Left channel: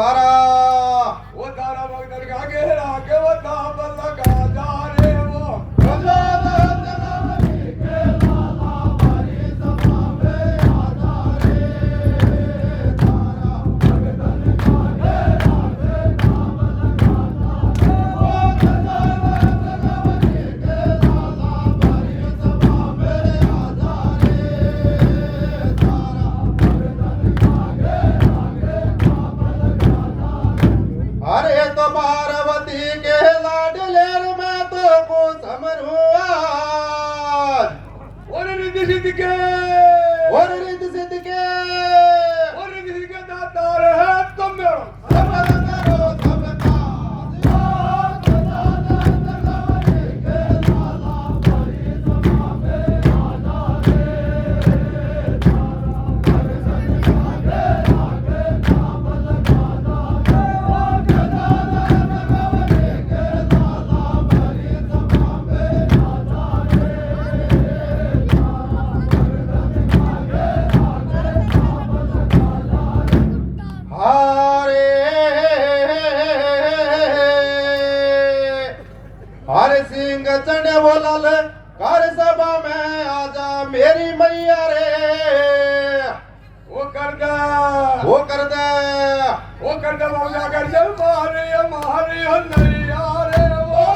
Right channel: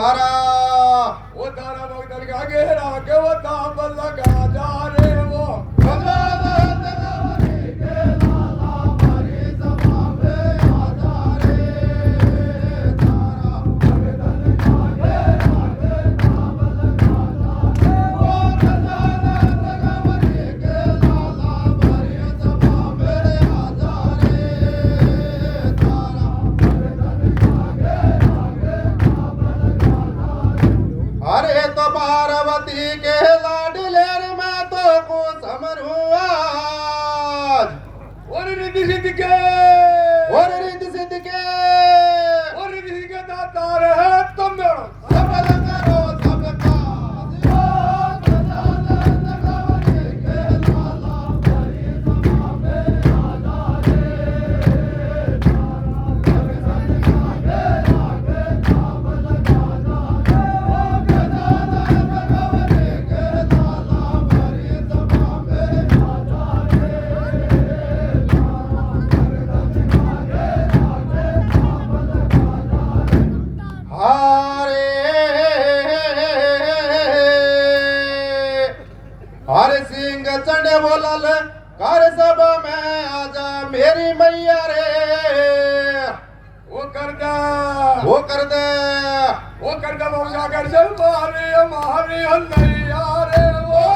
थारा वो तारा भगत का घेरा के वो ताबल लगा जा रे वो अरे तो पार्वती के लाडले मैं तो को समरू आज और रिद्धि सिद्धि के और रिद्धि सिद्धि के और रिद्धि सिद्धि के दातार है तुम मेरो सफल करो सबका हरे सिंह चढ़े बोलल कर सभा में आजा मेरी मैया रे वो कर दे वो कर दे वो कर दे मौजा कर दे मारे नैया रे वो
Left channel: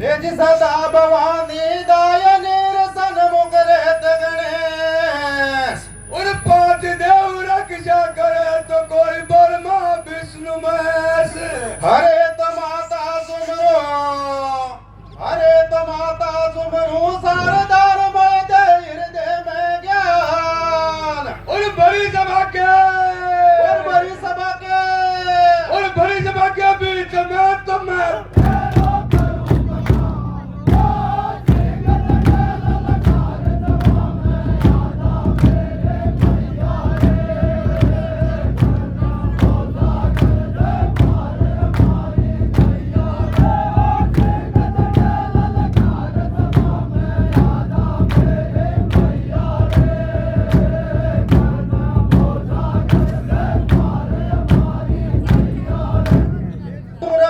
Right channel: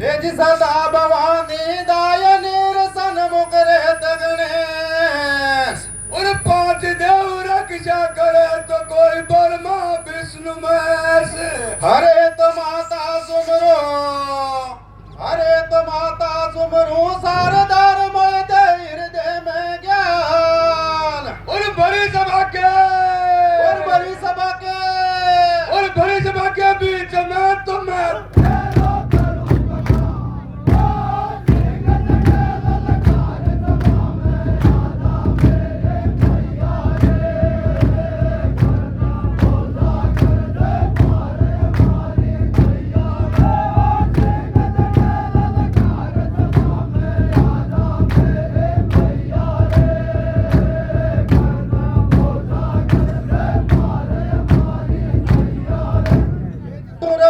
तेज सदा भवानी दायनी रसन मुकरे गणेश और पांच देव रक्षा करे तो कोई ब्रह्मा विष्णु महेश हरे तो माता सुमरो हरे तो माता सुमरो सारदार मोय दे हृदय में ज्ञान और बड़ी सभा के और बड़ी सभा के और बड़ी सभा के बीच में तुम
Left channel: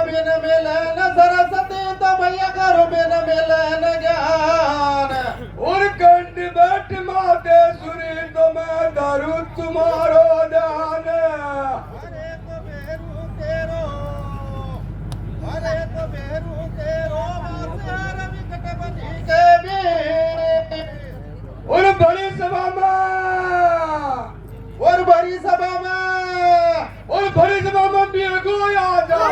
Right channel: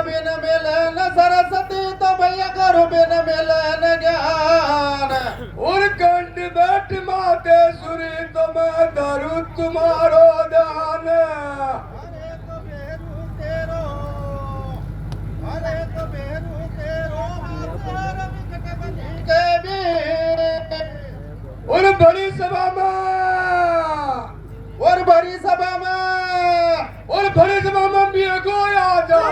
बिन मिलन सरस्वती तो भैया करो बिन मिलन ज्ञान और कंठ बैठ माते सुरी तो मैं धरू तुम्हारो ध्यान अरे तो बेरू तेरो अरे तो बेरू तेरो मातर विकट बनी के भी और बड़ी सभा में और बड़ी सभा में और बड़ी सभा में भी गोया जा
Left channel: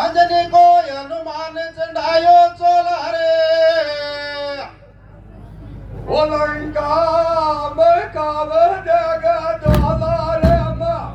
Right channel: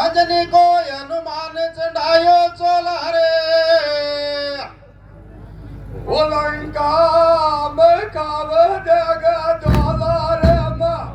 अंजनी को हनुमान चढ़ायो चोला रे वो लंका में काव देगा जाला रे माँ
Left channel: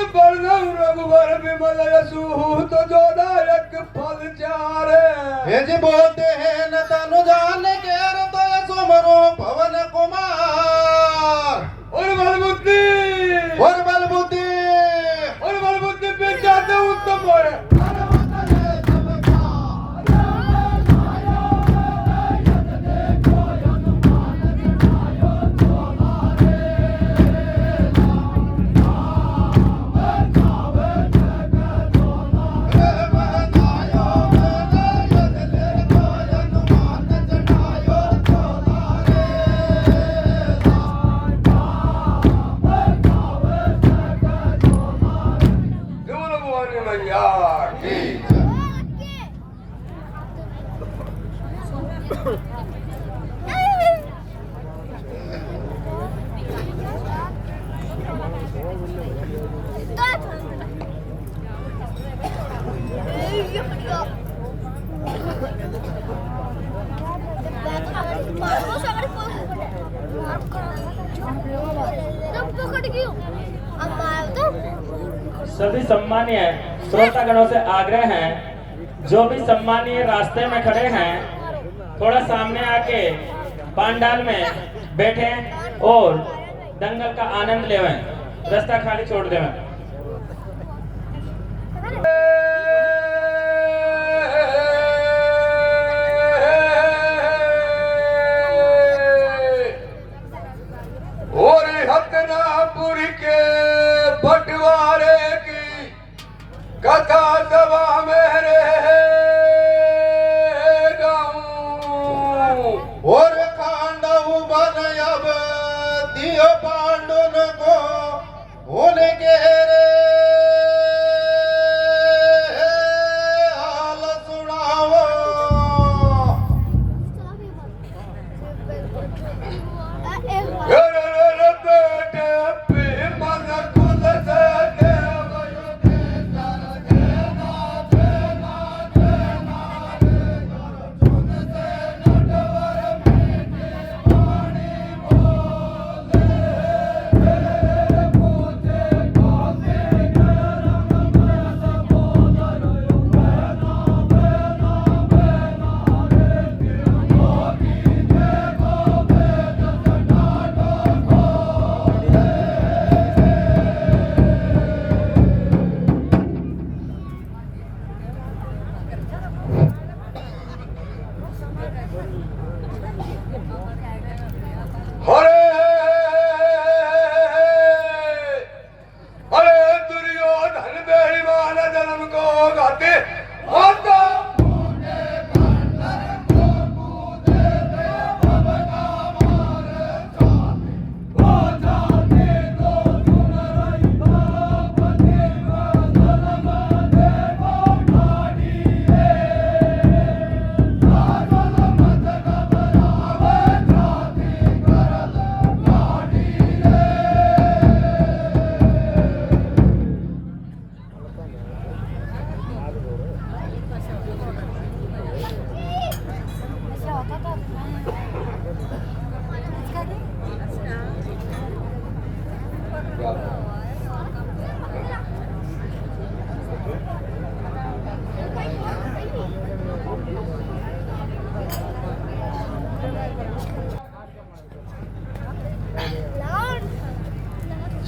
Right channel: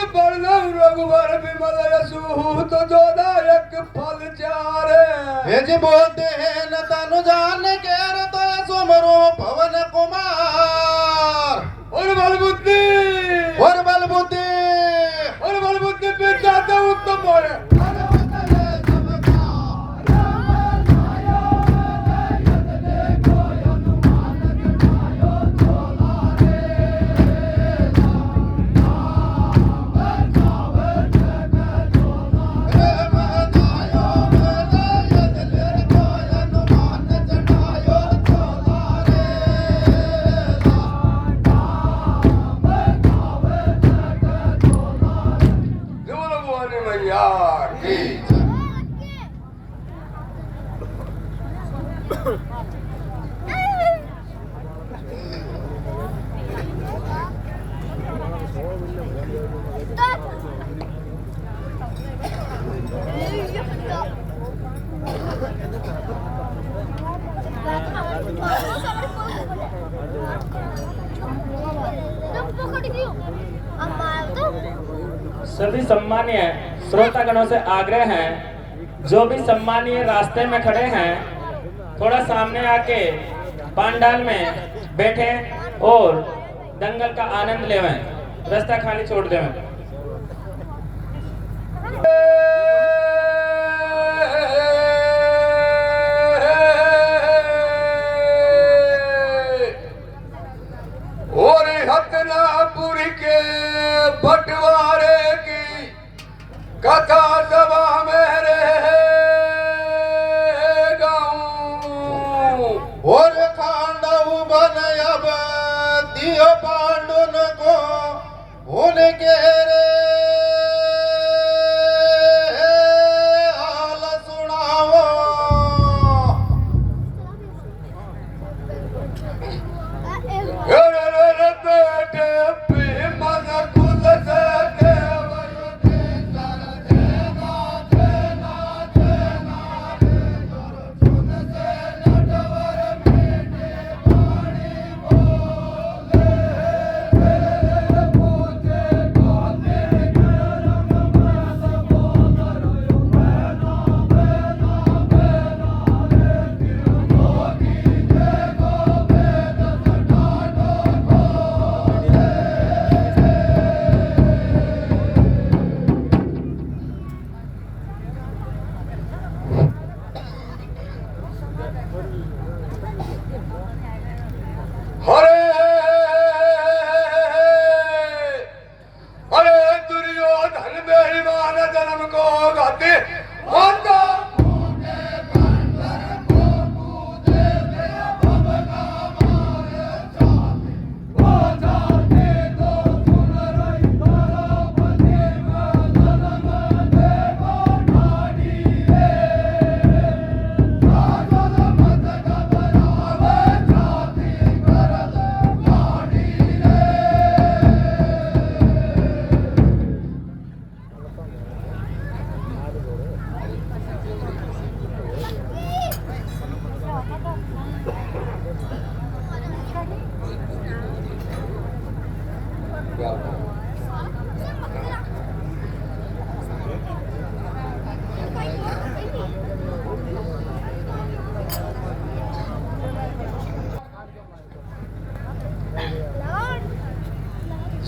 रघुवर विमल यशु तो जोदायक फल चारे हेज बोलते हैं न तनु जान केर तो सुमरो पवन कुमार और बल बुद्धि सभी सम्मानीय श्रोतागणों से आग्रह है, जो भी सम्मानीय रास्ते में खड़े हैं थोड़ा सामने आके पांडाल में बैठे और दंगल का आनंद लेवें, रास्ता खाली छोड़ देवें। और हतनापुर के बंटवारे की कथा सभा में और खांडव बन अब दियो पांडुन को उनके रे हाल सुनाओ। अरे दुर्योधन बेईमान जन्म को गाते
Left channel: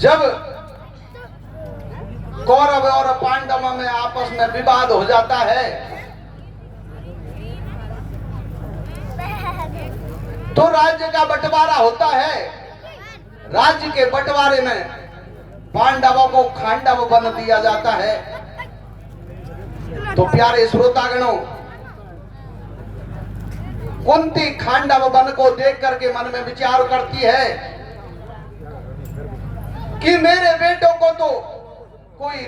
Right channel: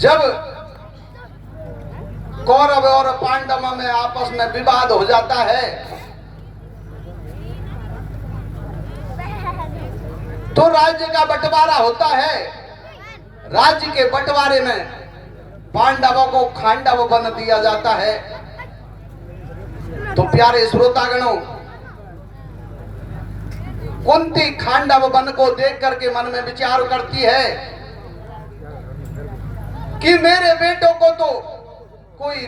जब कौरव और पांडव में आपस में विवाद हो जाता है तो राज्य का बंटवारा होता है। राज्य के बंटवारे में पांडवों को खांडव बन दिया जाता है। तो प्यारे श्रोतागणों, कुंती खांडव वन को देख करके मन में विचार करती है कि मेरे बेटों को तो कोई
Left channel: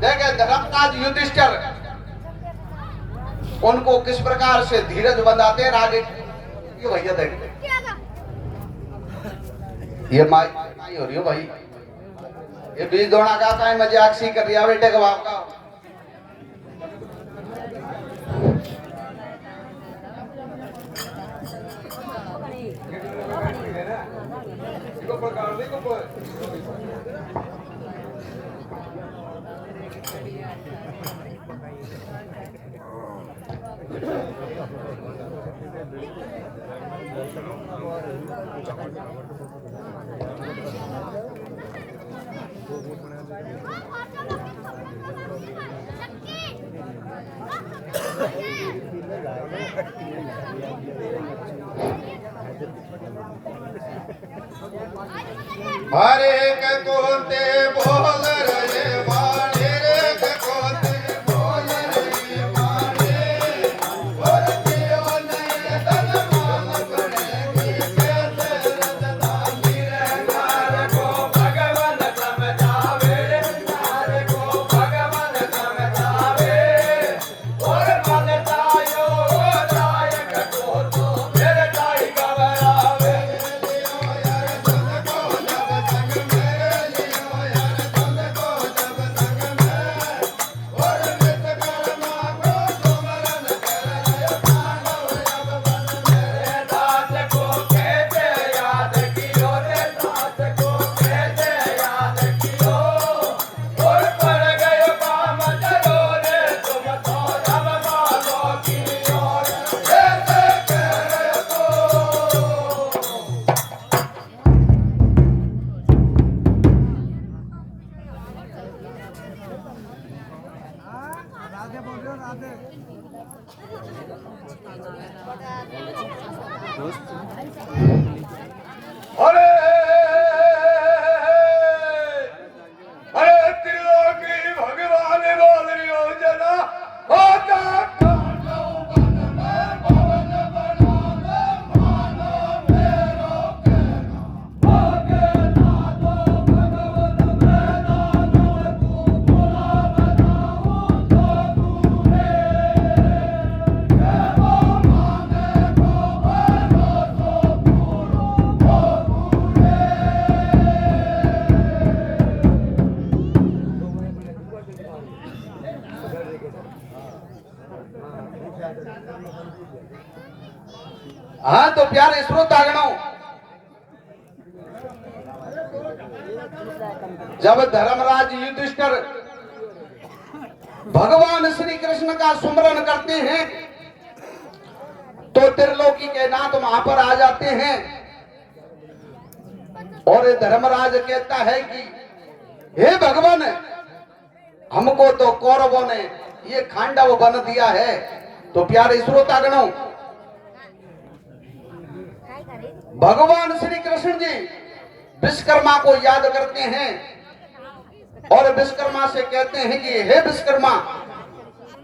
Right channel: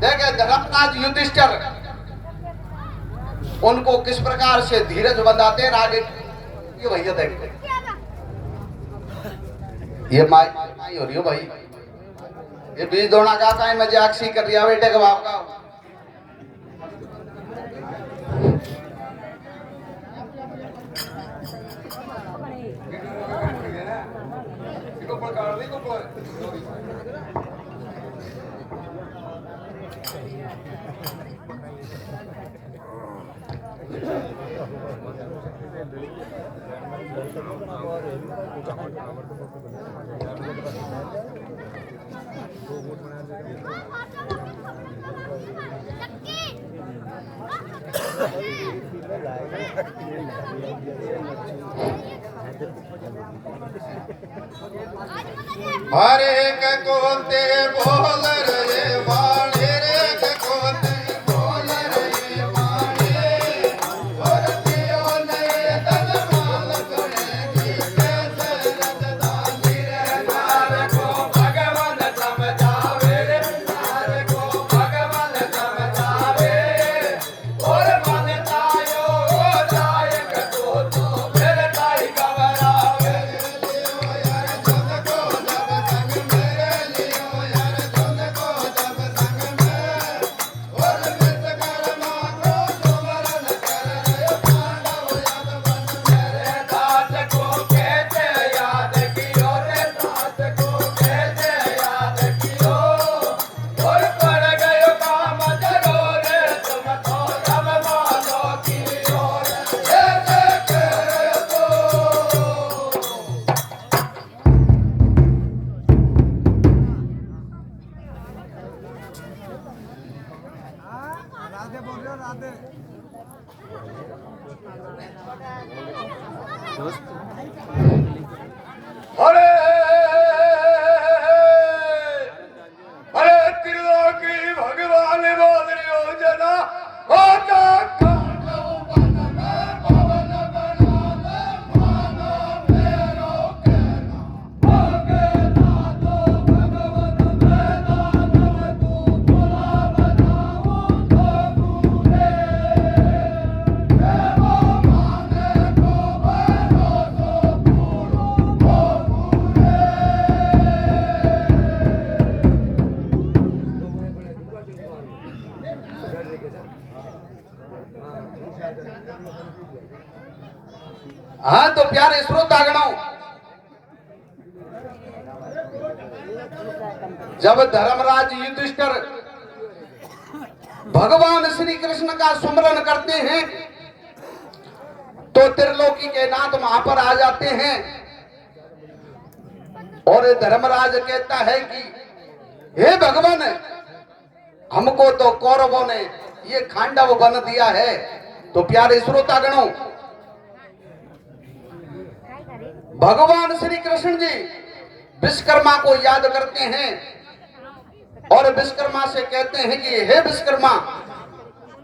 देखे धर्मराज युधिष्ठिर उनको किस प्रकार से धीरज बंधाते हैं। आगे ये भैया देखते ये माई हो रही हो भाई, ये बीज दोना का टाइम मजाक सी कर रही है बेटे का बाप का। हर एक कोते बोल रे वाणी रे कोते बोल रे वाणी भरती ओले तन माल करेगी कैसे रजदानी रे नार को भगवान समझावे रे नार को भगवान समझावे और अरे अरे त्रिलोकी भगवान बोल रही हो जना होता हाँ तो प्यारे श्रोतागणों, जब धर्मराज युधिष्ठिर भगवान श्री कृष्ण का सुमरन करते हैं तो त्रिलोकी के नाथ वहां पर आ जाते हैं और धर्मराज कहता है कि हे भगवान, हमको तो कौरवों ने ये खांडव बन दिया है। तो प्यारे श्रोतागणों, भगवान श्री कृष्ण जी विश्वकर्मा को याद करते हैं और विश्वकर्मा से कहते हैं कि हे विश्वकर्मा,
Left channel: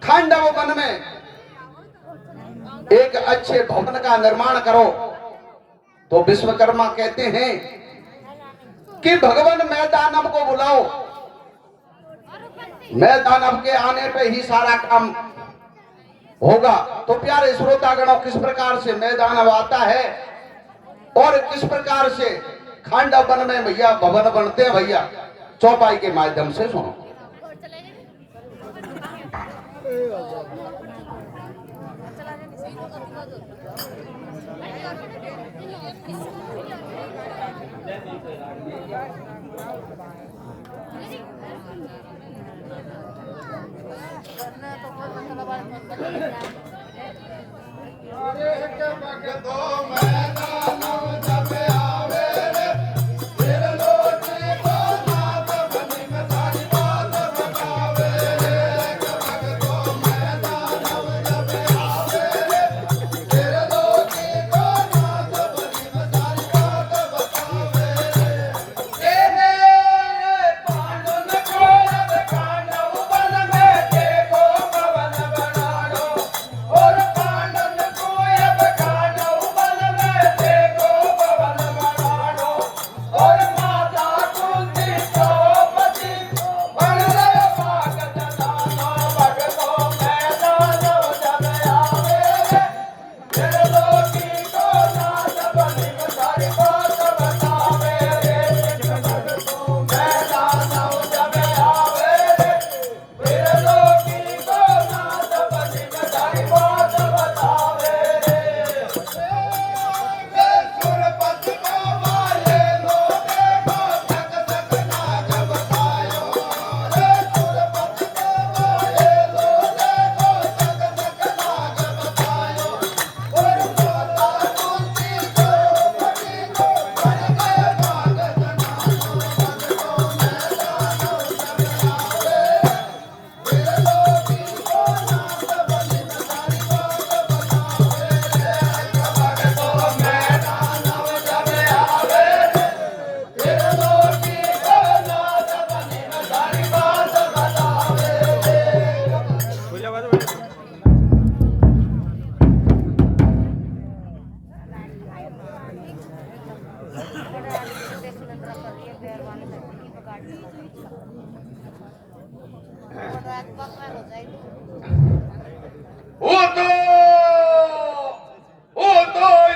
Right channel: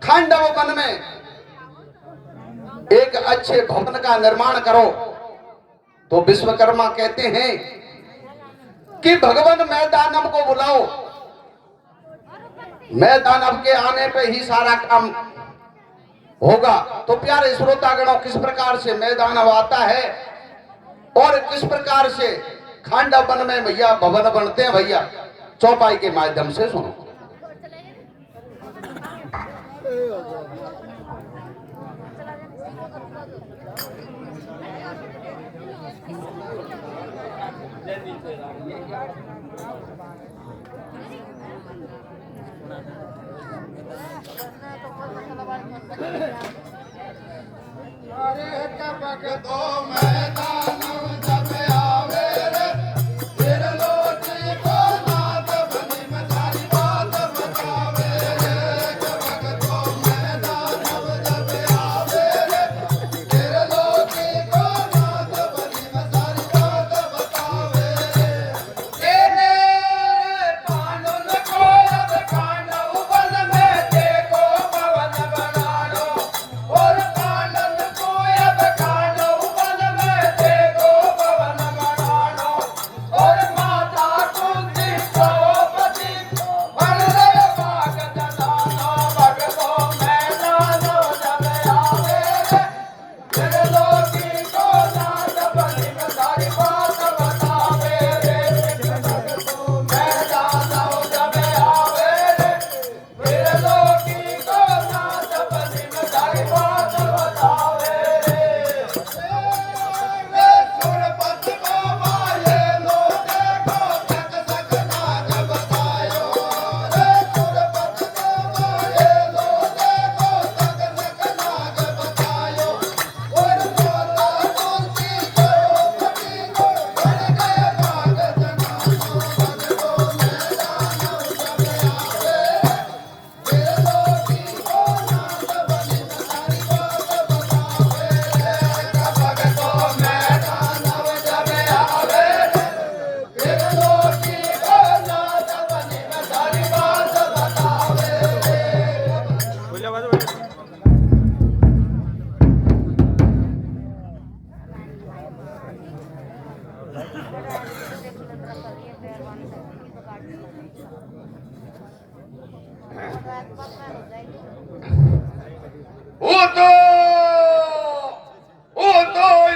खांडव वन में एक अच्छे भवन का निर्माण करो। तो विश्वकर्मा कहते हैं कि भगवान मैं दानव को बुलाओ, मैं दानव के आने पे ही सारा काम होगा। तो प्यारे श्रोतागणों, किस प्रकार से मैं दानव आता है और किस प्रकार से खांडव वन में भैया भवन बनते हैं, भैया चौपाई के माध्यम से सुनो।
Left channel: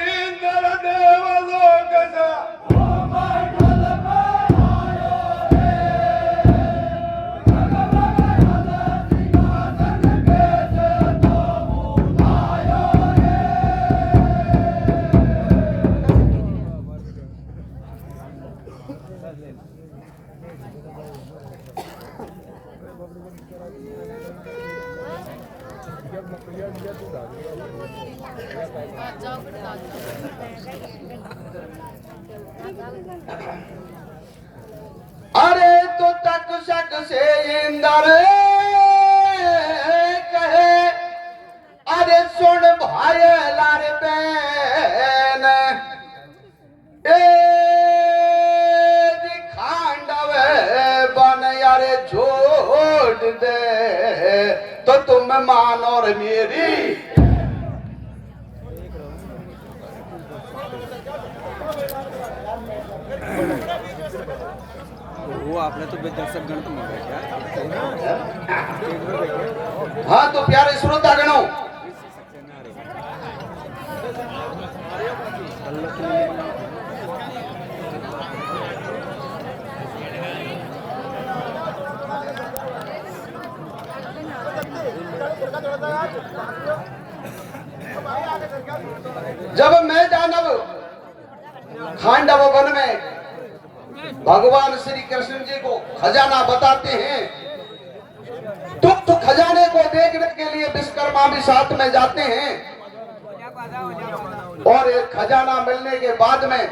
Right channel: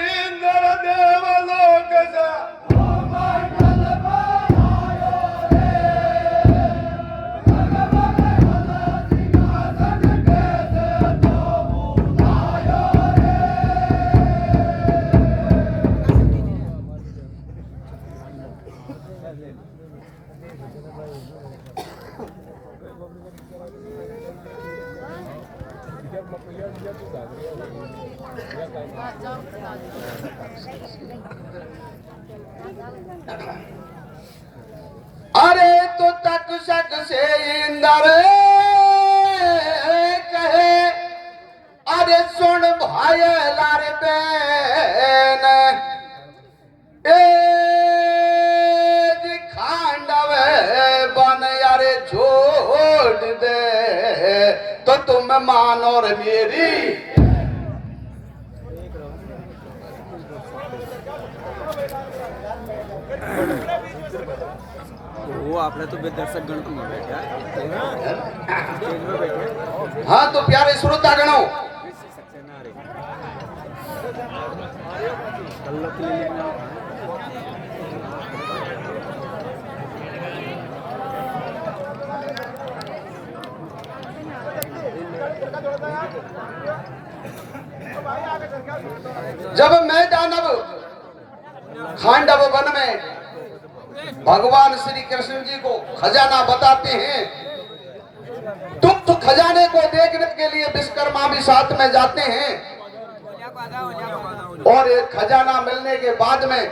इंद्र देवलोक सा अरे तो तक सक से इंदर कहे तो तुम मान और मेरी। वो आपने तो दर्शक गण तुम हो गए क्या? स्टेज पर बैठे। हाँ तो प्यारे श्रोतागणों, जब मैं दानव खांडव वन में भगवान श्री कृष्ण जी को खजाना बताते हैं, तो खजाने को देखने के लिए विश्वकर्मा भी साथ में जाते हैं। और एक खजाना मिलने के बाद में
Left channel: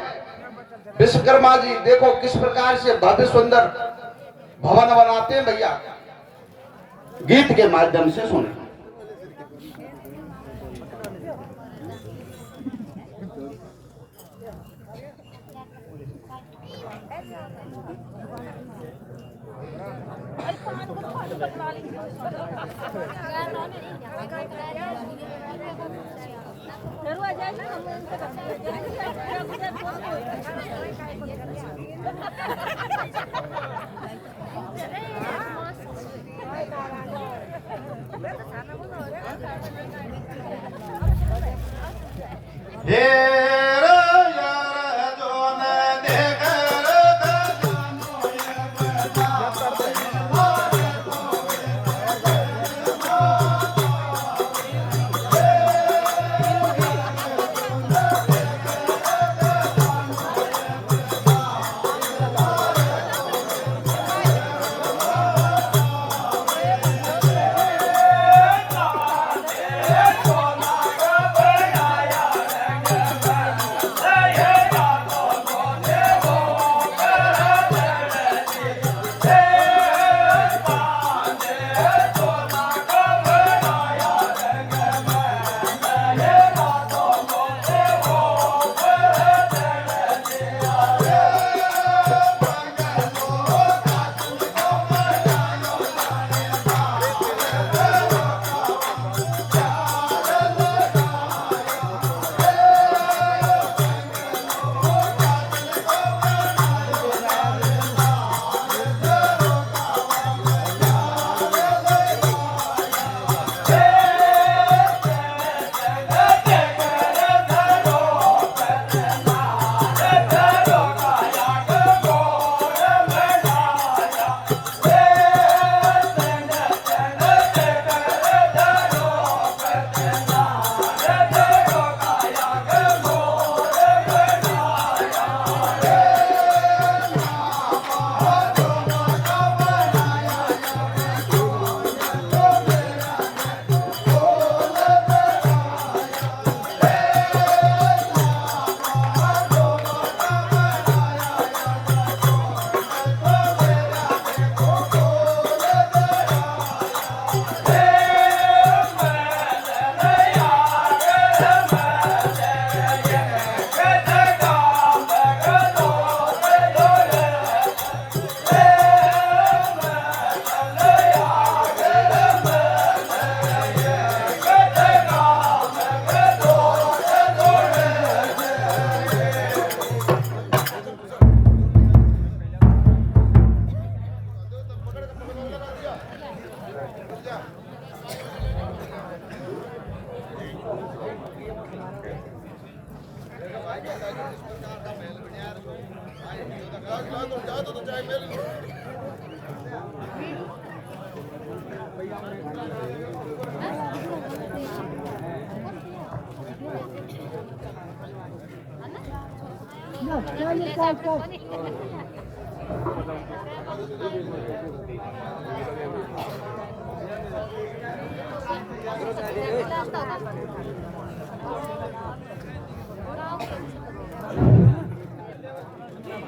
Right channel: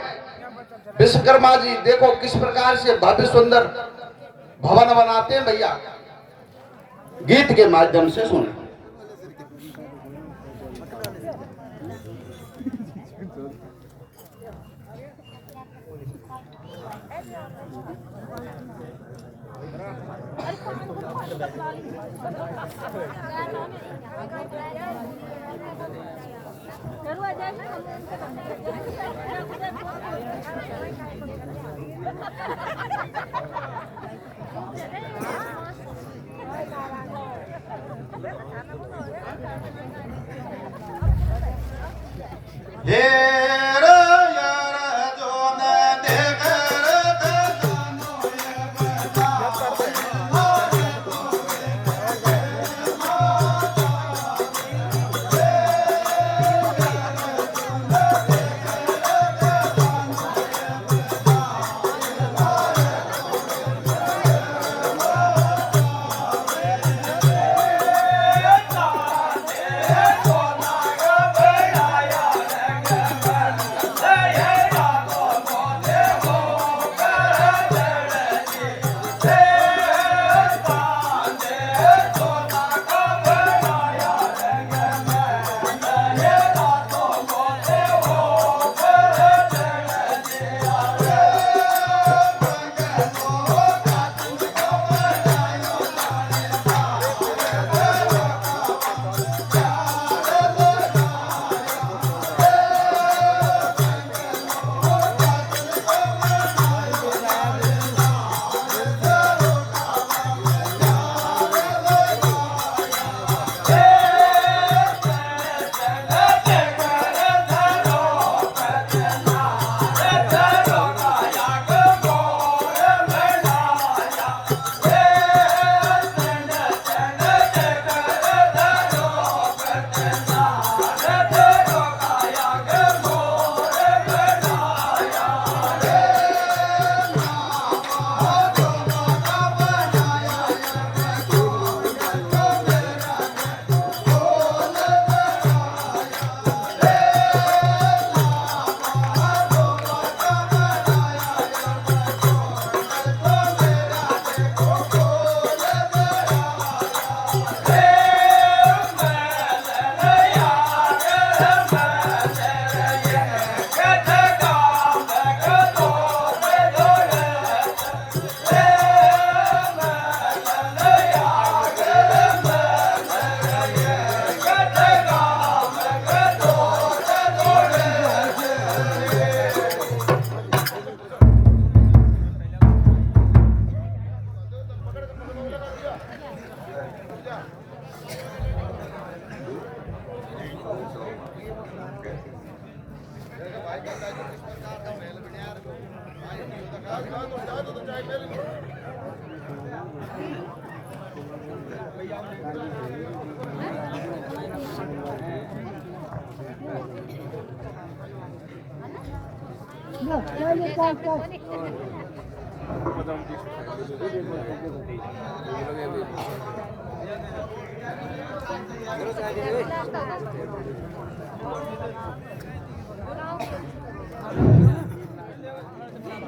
विश्वकर्मा जी देखो किस प्रकार से भव्य सुंदर भवन बनाते हैं भैया। गीत के माध्यम से सुने।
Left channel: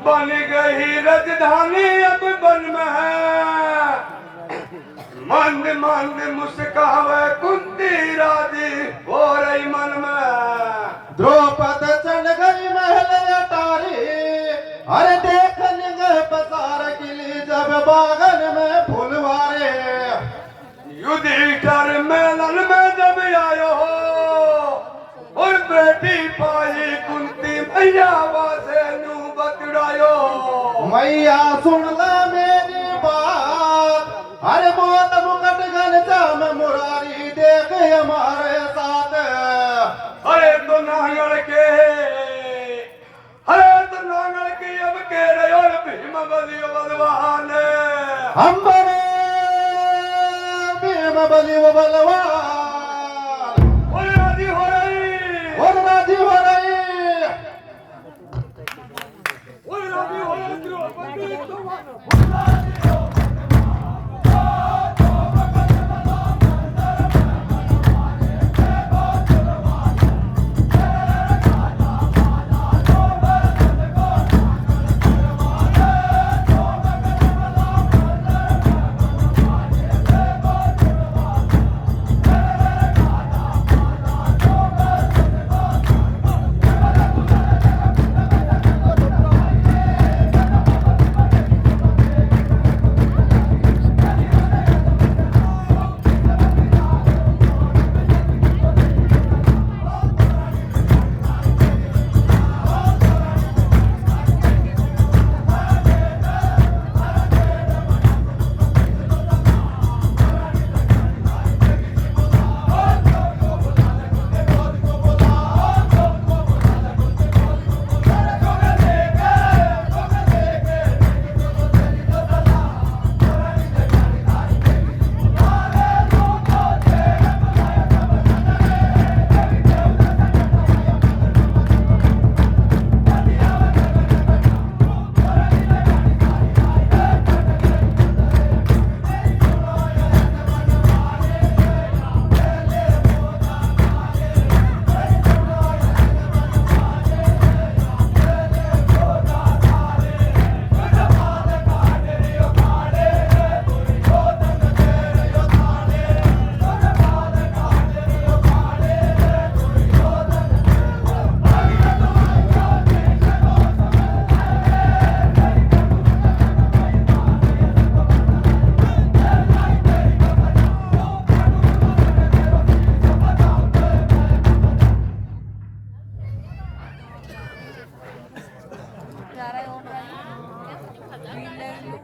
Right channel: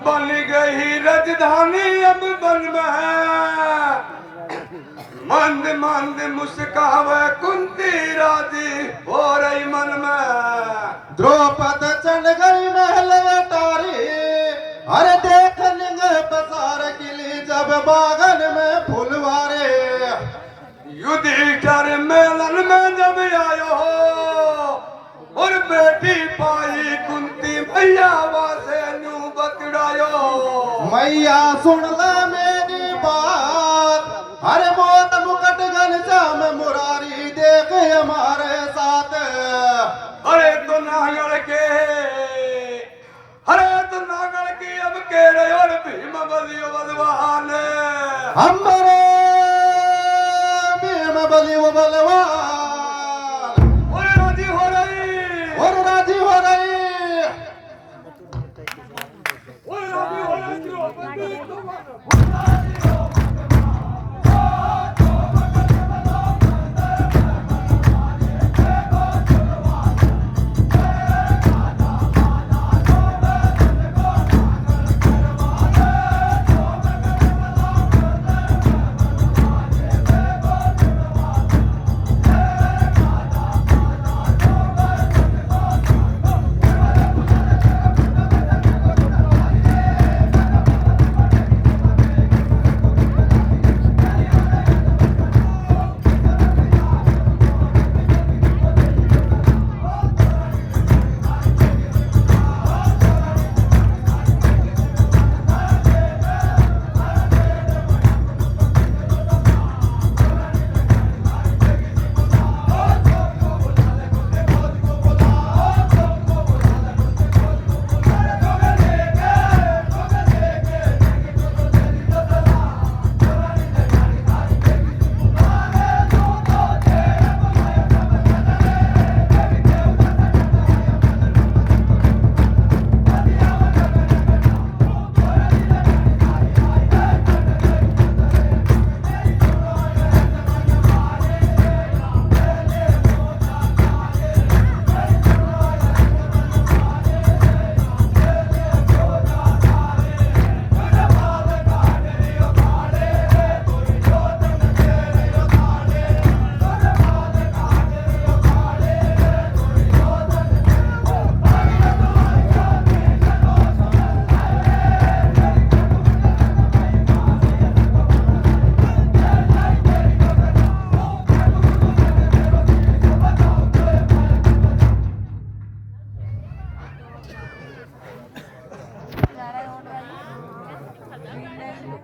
बन गई राजधानी अब बन में है, मंद मंद मुस्कावे कुंती राजी हो रही मन में। द्रौपद चढ़ गई महल अटारी, अरे देखने पसार किली जब बागन में फुलवारे। युद्ध डर मेलन में जब आयो हो और बेटी पाई कुंती मैया वासे नू बतड़ायो। मैया सुन ले मेरी बात, हर मौत मुकट घनश्याम मुरारी देख हमारे साथ। अरे तो नागल के, अरे तो नागल के अब केरे और भीम बलियो बलवान। हमारे भीम बलि वो बलवान और राजी हो रही, और राजी हो गई। और राजी हो रही द्रौपदी तुम्हारा।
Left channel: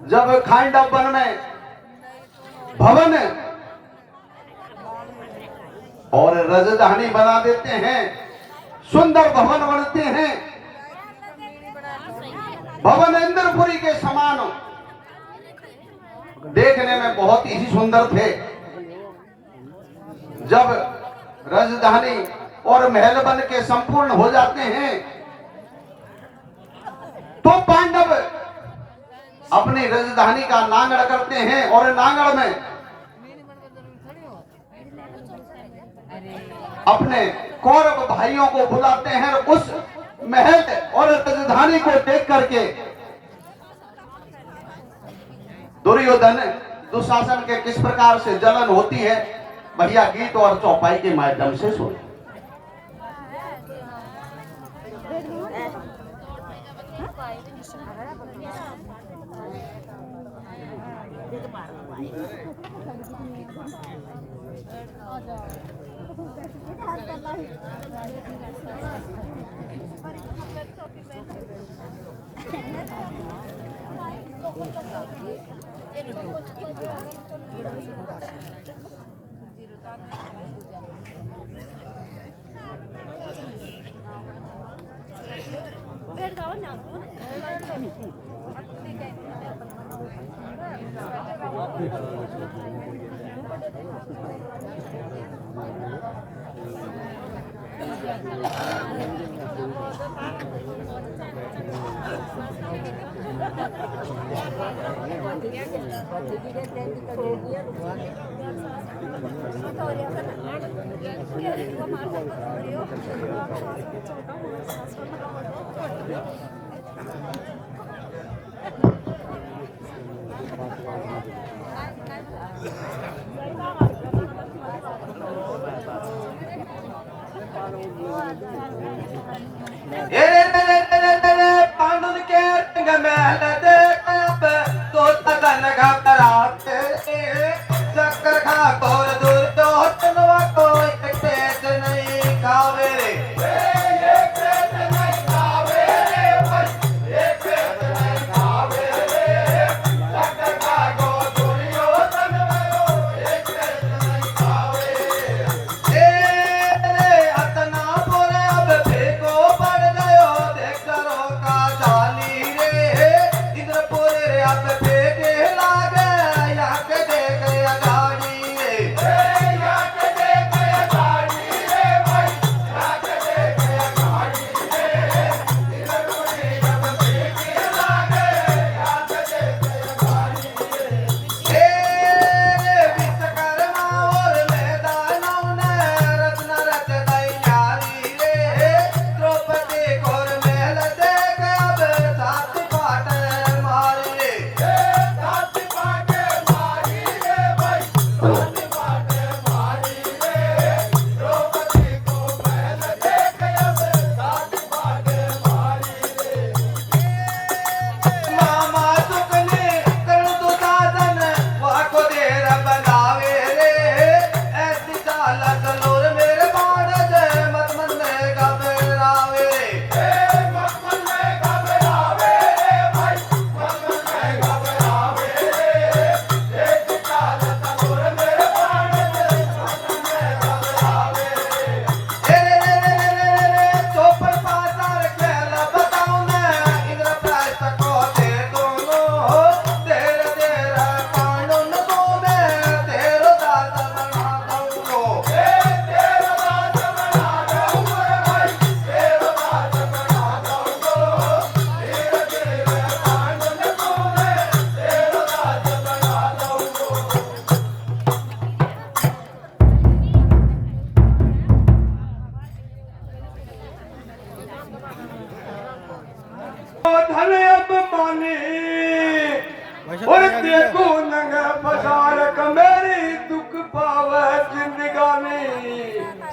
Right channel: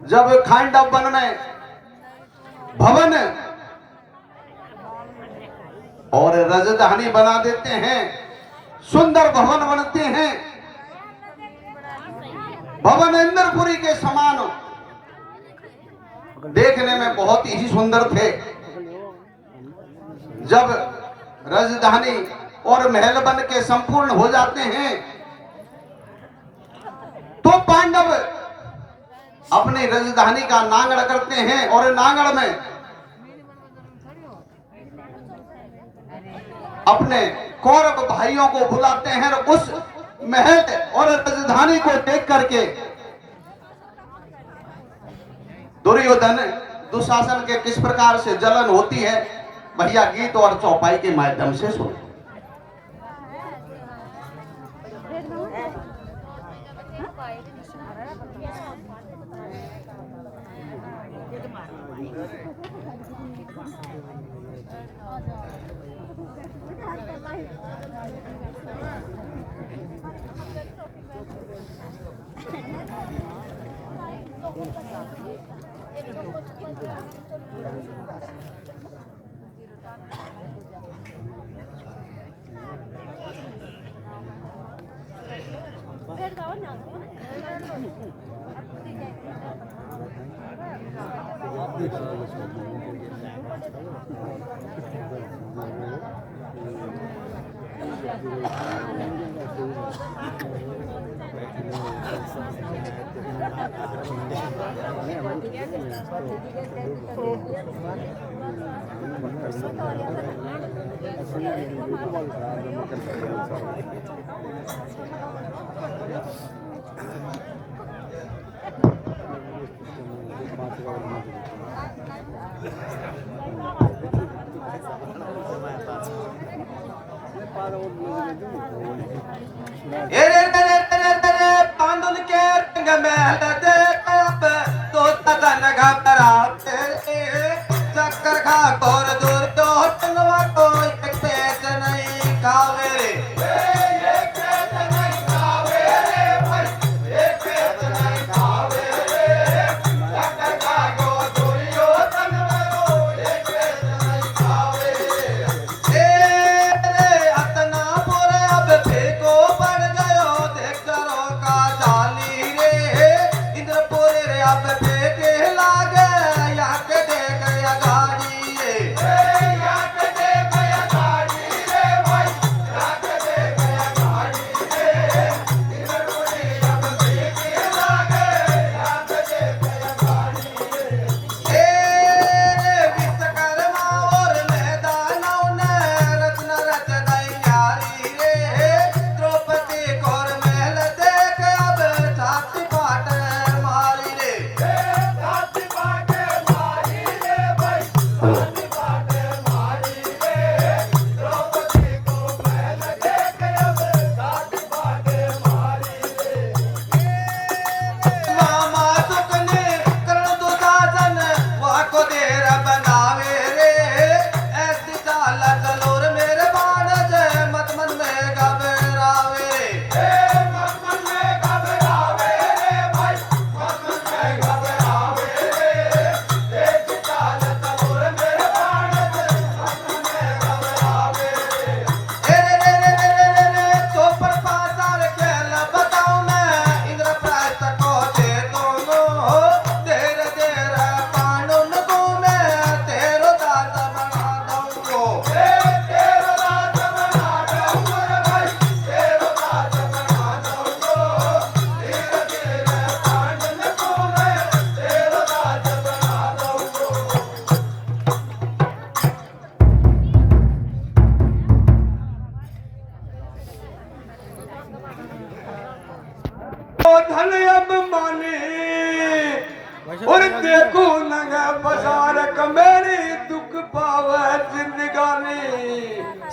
जब खांडव वन में भवन और राजधानी बना देते हैं, सुंदर भवन बनते हैं, भवन इंद्रपुरी के समान देखने में बहुत ही सुंदर थे। जब राजधानी और महल बन के संपूर्ण हो जाते हैं तो पांडव अपनी राजधानी का नांगड़ करते हैं और नांगड़ में अपने कौरव भाइयों को बुलाते हैं और उस महल और राजधानी को देख करके दुर्योधन दुशासन के किस प्रकार से जलन होती है, भैया गीत और चौपाई के माध्यम से सुन। पांडुल के रंग महल देख अब तो तगन घबराते, चक्कर खा तोर दूर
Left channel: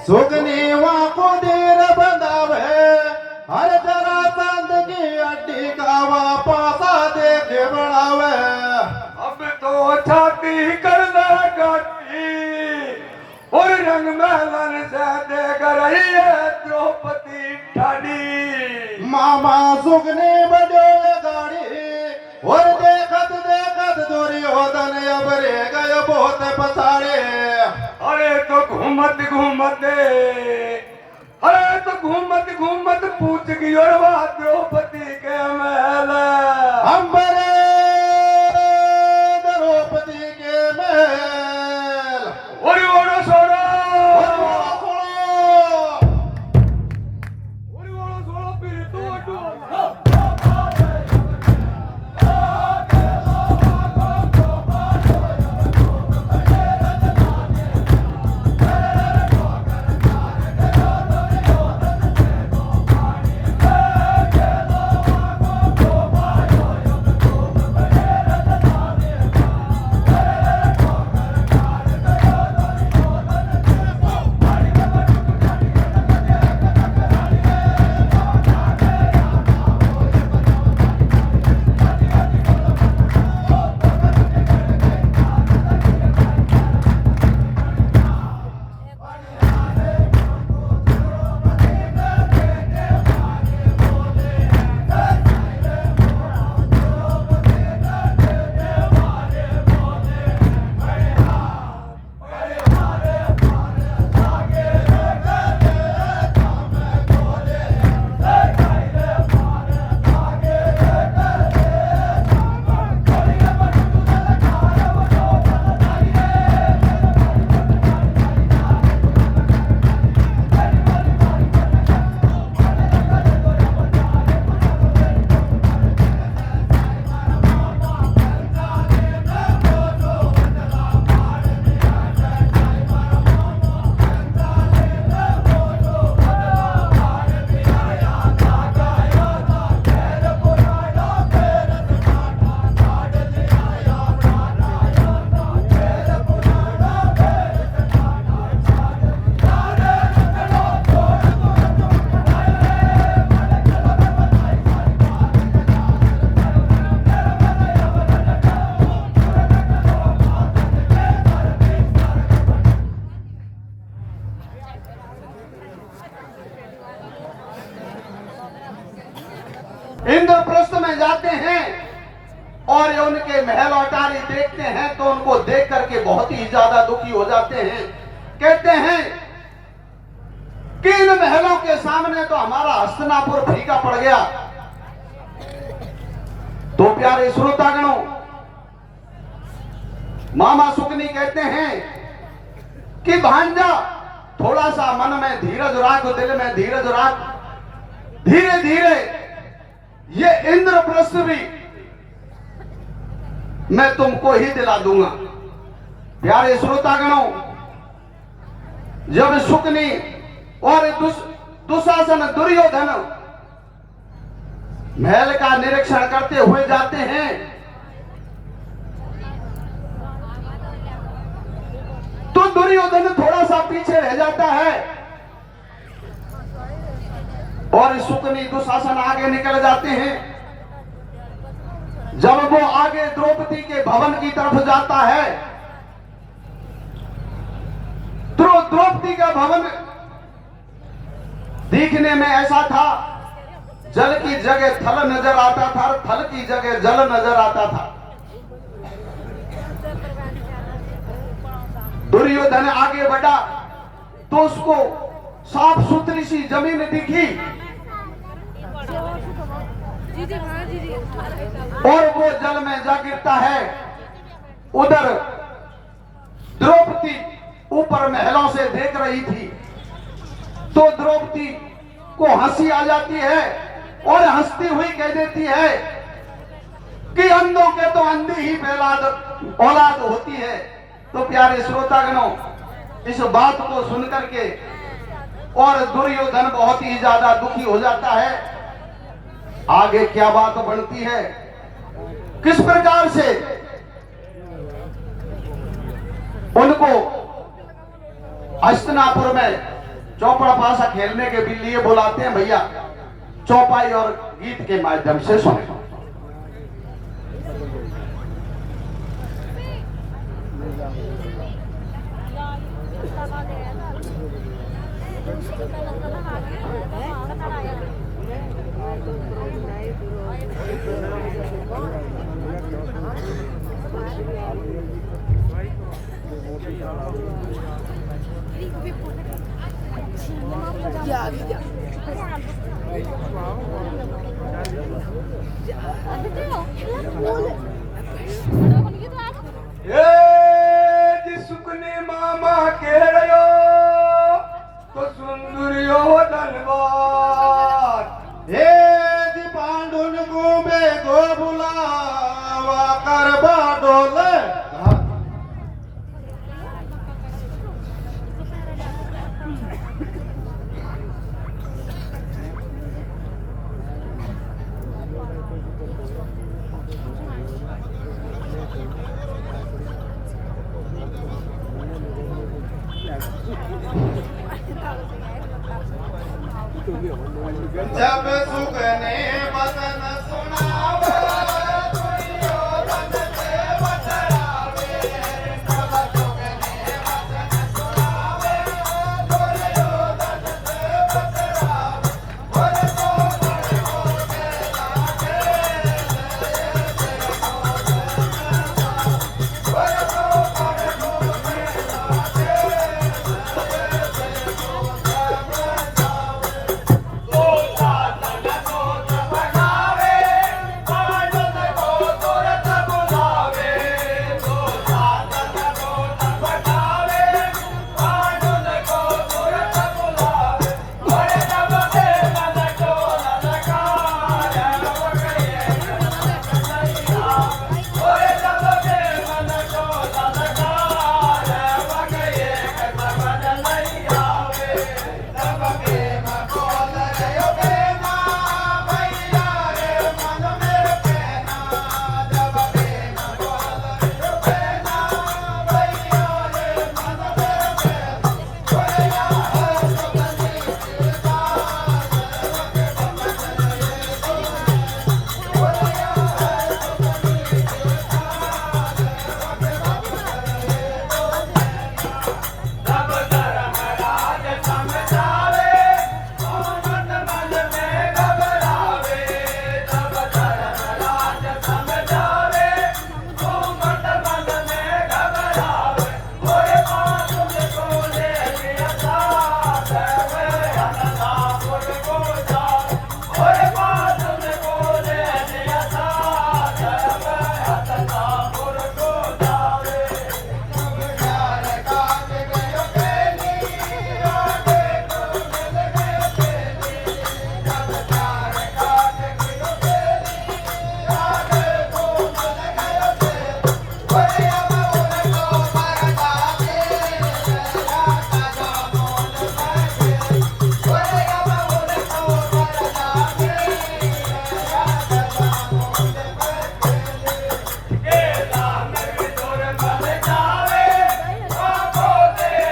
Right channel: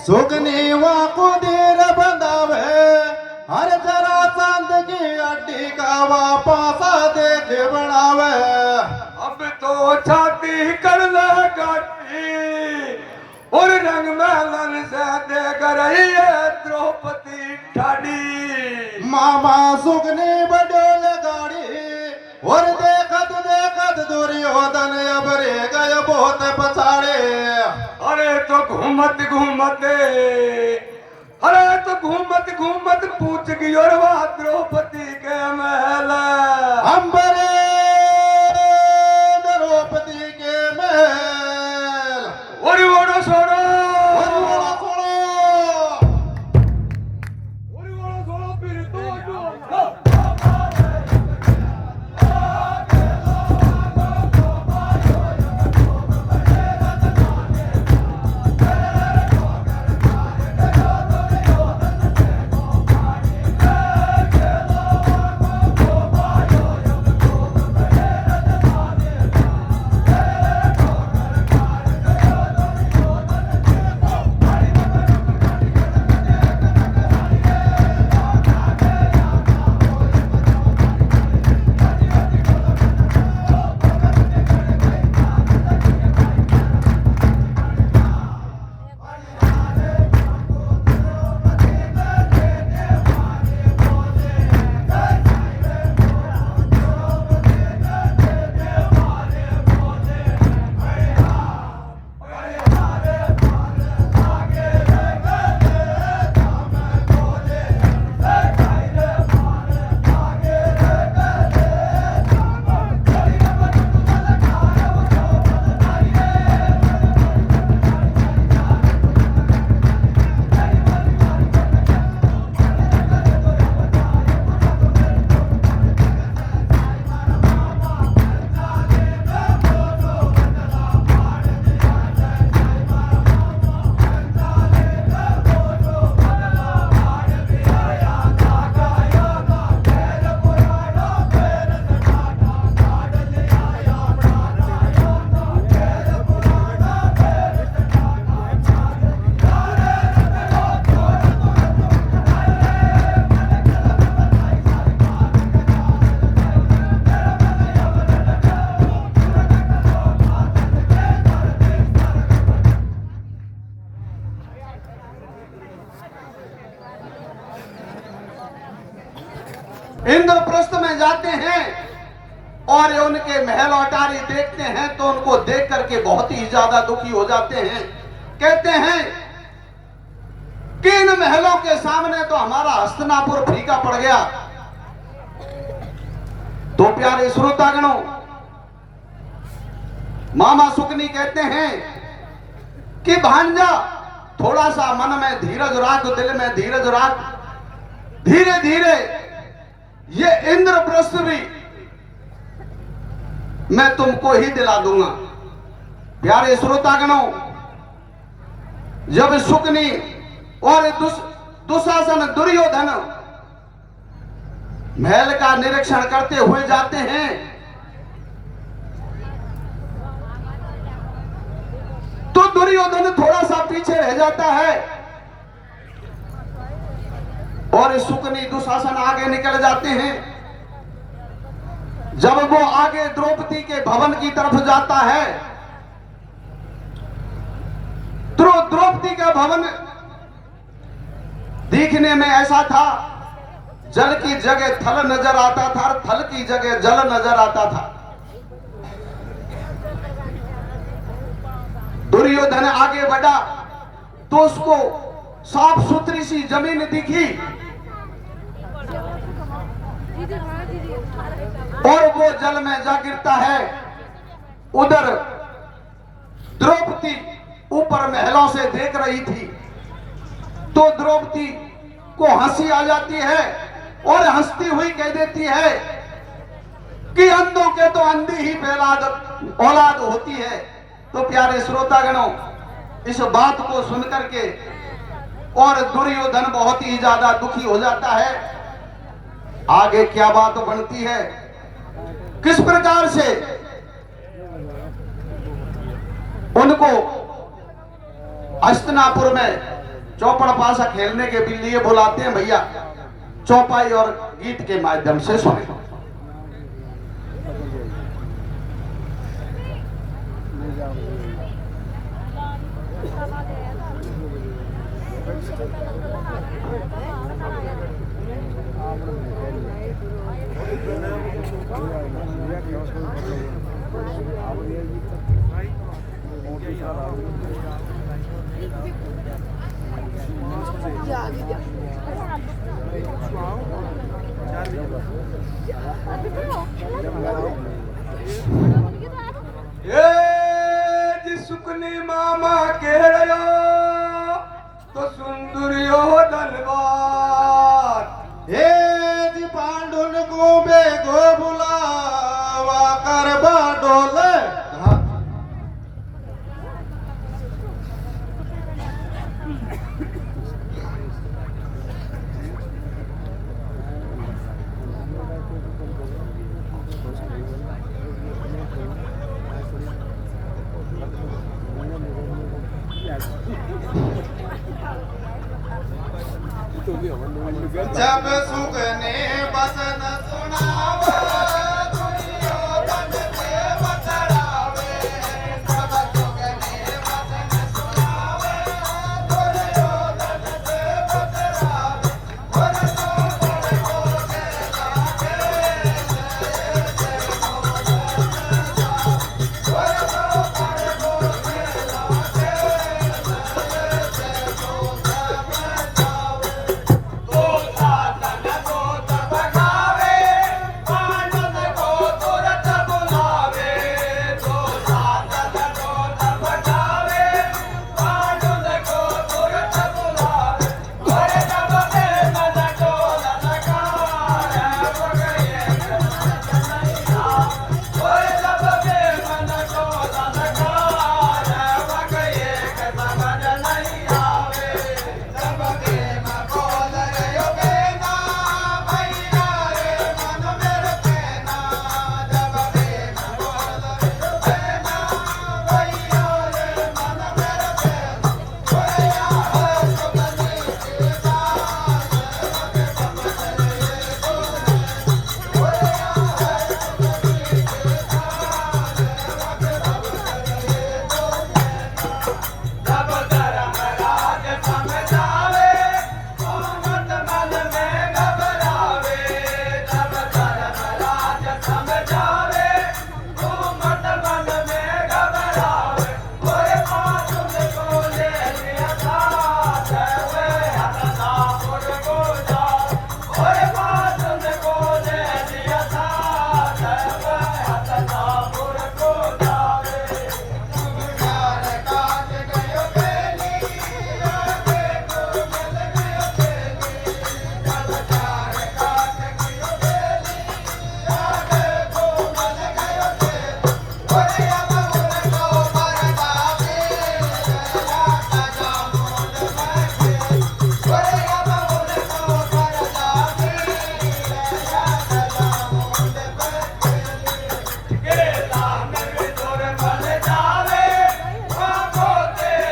सुगनी को देर बंधावे हर जरा चांद की अड्डी का वापसा देखे बढ़ावे। अब तो छाती कर ले गाटी और रंग महलन से देख रही है द्रौपदी ठाडी। मामा सुगनी बड़ो गाड़ी और देखत देखत दुर्योधन अब रह गए बहुत पछाड़े। अरे तो घूमत घूमत पूछ गई और वह द्रौपदी के महल। हम बड़े द्रौपदी के महल और वो सोना फिर तो इंद्रप्रस्थ में जाते हैं और उनके महल अटारी देखते हैं तो उनको देख करके बहुत ही ज्यादा दुखी हो जाते हैं। कहते हैं कि इन महलों के सामने तो हमारा हस्तिनापुर फीका पड़ गया। तो प्यारे श्रोतागणों, मामा सुकनी कहते हैं कि भांजा थोड़ा सा मन में धीरज रख, दिल में धीरज रख, धीरे धीरे ये इंद्रप्रस्थ भी मैं तुमको ही दिला दूंगा। प्यारे श्रोतागणों, जब शुकनी और दुशासन दुर्योधन महल का निरीक्षण करते हुए जाते हैं तो दुर्योधन थोड़ा सा पीछे रह जाता है और शुकनी दुशासन आगे निकल जाते हैं। जब वो आगे द्रौपदी के भवन की तरफ जाता है तो द्रौपदी का भवन दिखने में ऐसा था, जल की जगह थल नजर आता था, थल की जगह जल नजर आता था। दुर्योधन आगे बढ़ा तो उसको साफ सुथरी सी जमीन दिखी और वो जल में जा गिरता है। उधर द्रौपदी ऊपर महलों से देख रही थी तो द्रौपदी को हंसी आ जाती है और हंसती हुई कह देती है कि अंधों के तो अंधी ही औलाद होती है। तो प्यारे श्रोतागणों, इस बात को सुनकर के और दुर्योधन बहुत ही ज्यादा दुखी हो जाता है। आगे क्या बात बनती है, किस प्रकार से उनको हस्तिनापुर में चौपड़ पासा खेलने के लिए बुलाते हैं भैया, चौपाई और गीत के माध्यम से सुने। सुकने मामा केड़ो तो सुंदरियो धनबाद हे जी पांडुन गोबे गो बुलावा करबा डोले। जब सुगने बचन सुनावे दुर्योधन से बतरावे, जब सुगने बचन सुनावे दुर्योधन से बतरावे, और तो बड़े हो के लागे और तो बड़े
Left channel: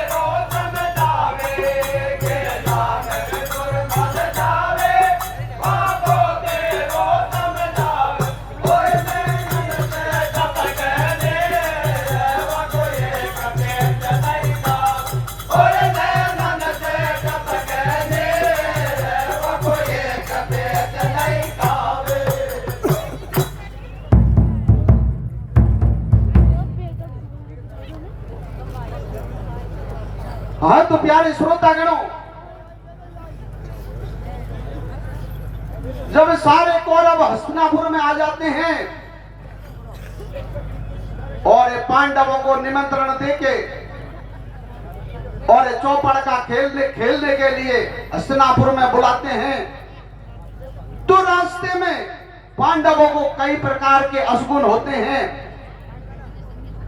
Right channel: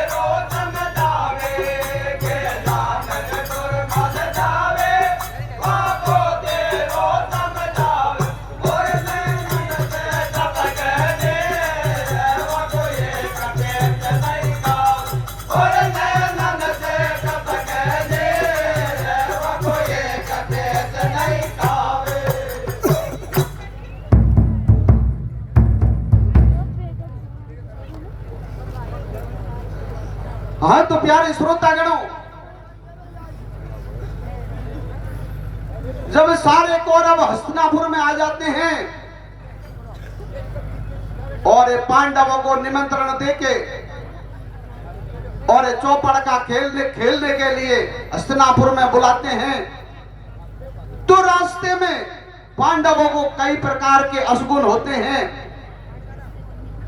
हो के हाँ तो प्यारे श्रोतागणों, जब सारे कौरव हस्तिनापुर में आ जाते हैं और पांडवों को निमंत्रण देके और चौपड़ का खेलने के लिए हस्तिनापुर में बुलाते हैं, तो रास्ते में पांडवों को कई प्रकार के अशगुन होते हैं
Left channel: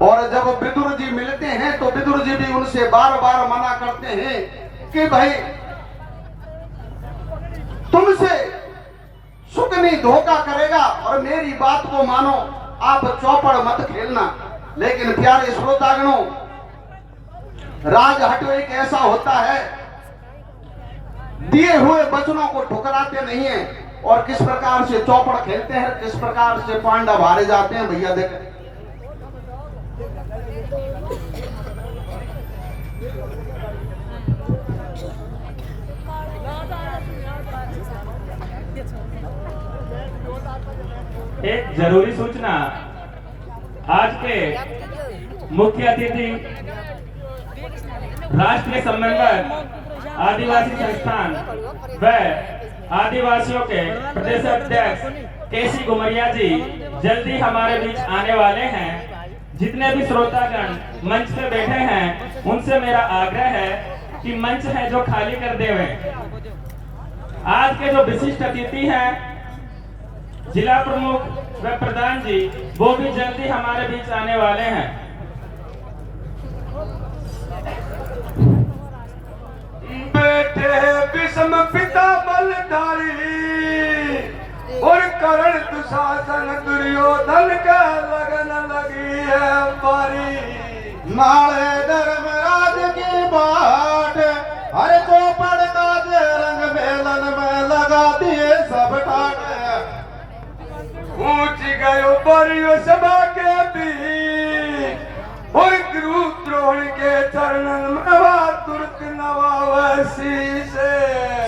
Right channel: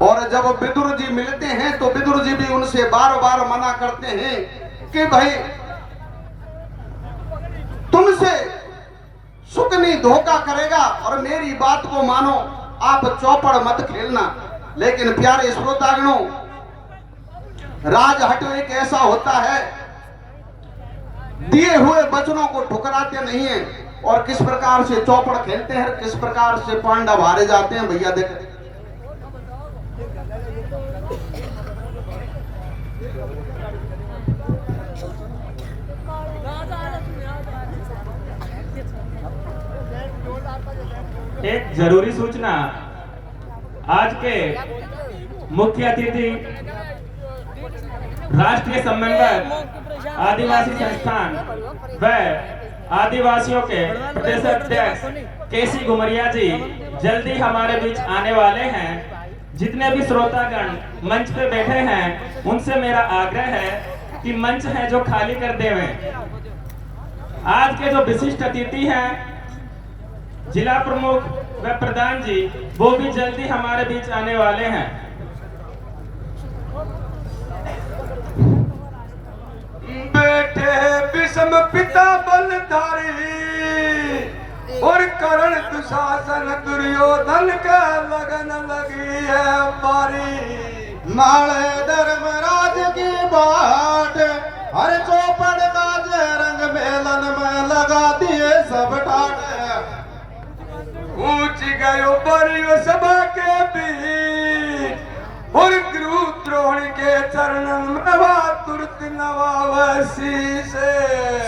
और जब विदुर जी मिलते हैं तो विदुर जी भी उनसे बार बार मना करते हैं कि भाई तुमसे सुकनी धोखा करेगा और मेरी बात को मानो, आप चौपड़ मत खेलना। लेकिन प्यारे श्रोतागणों, राजहट एक ऐसा होता है दिए हुए वचनों को ठुकराते नहीं है और किस प्रकार से चौपड़ खेलते हैं, किस प्रकार से पांडव हारे जाते हैं। भैया देख एक जरूरी सूचना, आज के मुख्य अतिथि राष्ट्रीय समन्वयक आदिवासी संस्थान व आदिवासियों के प्रदेश अध्यक्ष केसी घुमरिया जी जल्दी हमारे बीच आने वाले हैं। जितने भी श्रोतागण मंच पे बैठे हैं उनसे मेरा आग्रह है कि मंच है जो खाली कर देवें। आज के जो विशिष्ट अतिथि हैं जिला प्रमुख व प्रधान जी, वो भी जल्दी हमारे बीच आने वाले हैं। बेटे विषम पिता बलधारी और करण दुशासन दुर्योधन का लगन लगी है बारी। नाले धर्मराज की बाट हर चौपड़ काज रंग मेलन में लगा दिए सब ठाट। ऊंच गयो बरियो सभा के बीच और गुरु द्रोण के चरण में तुरत नवावसी से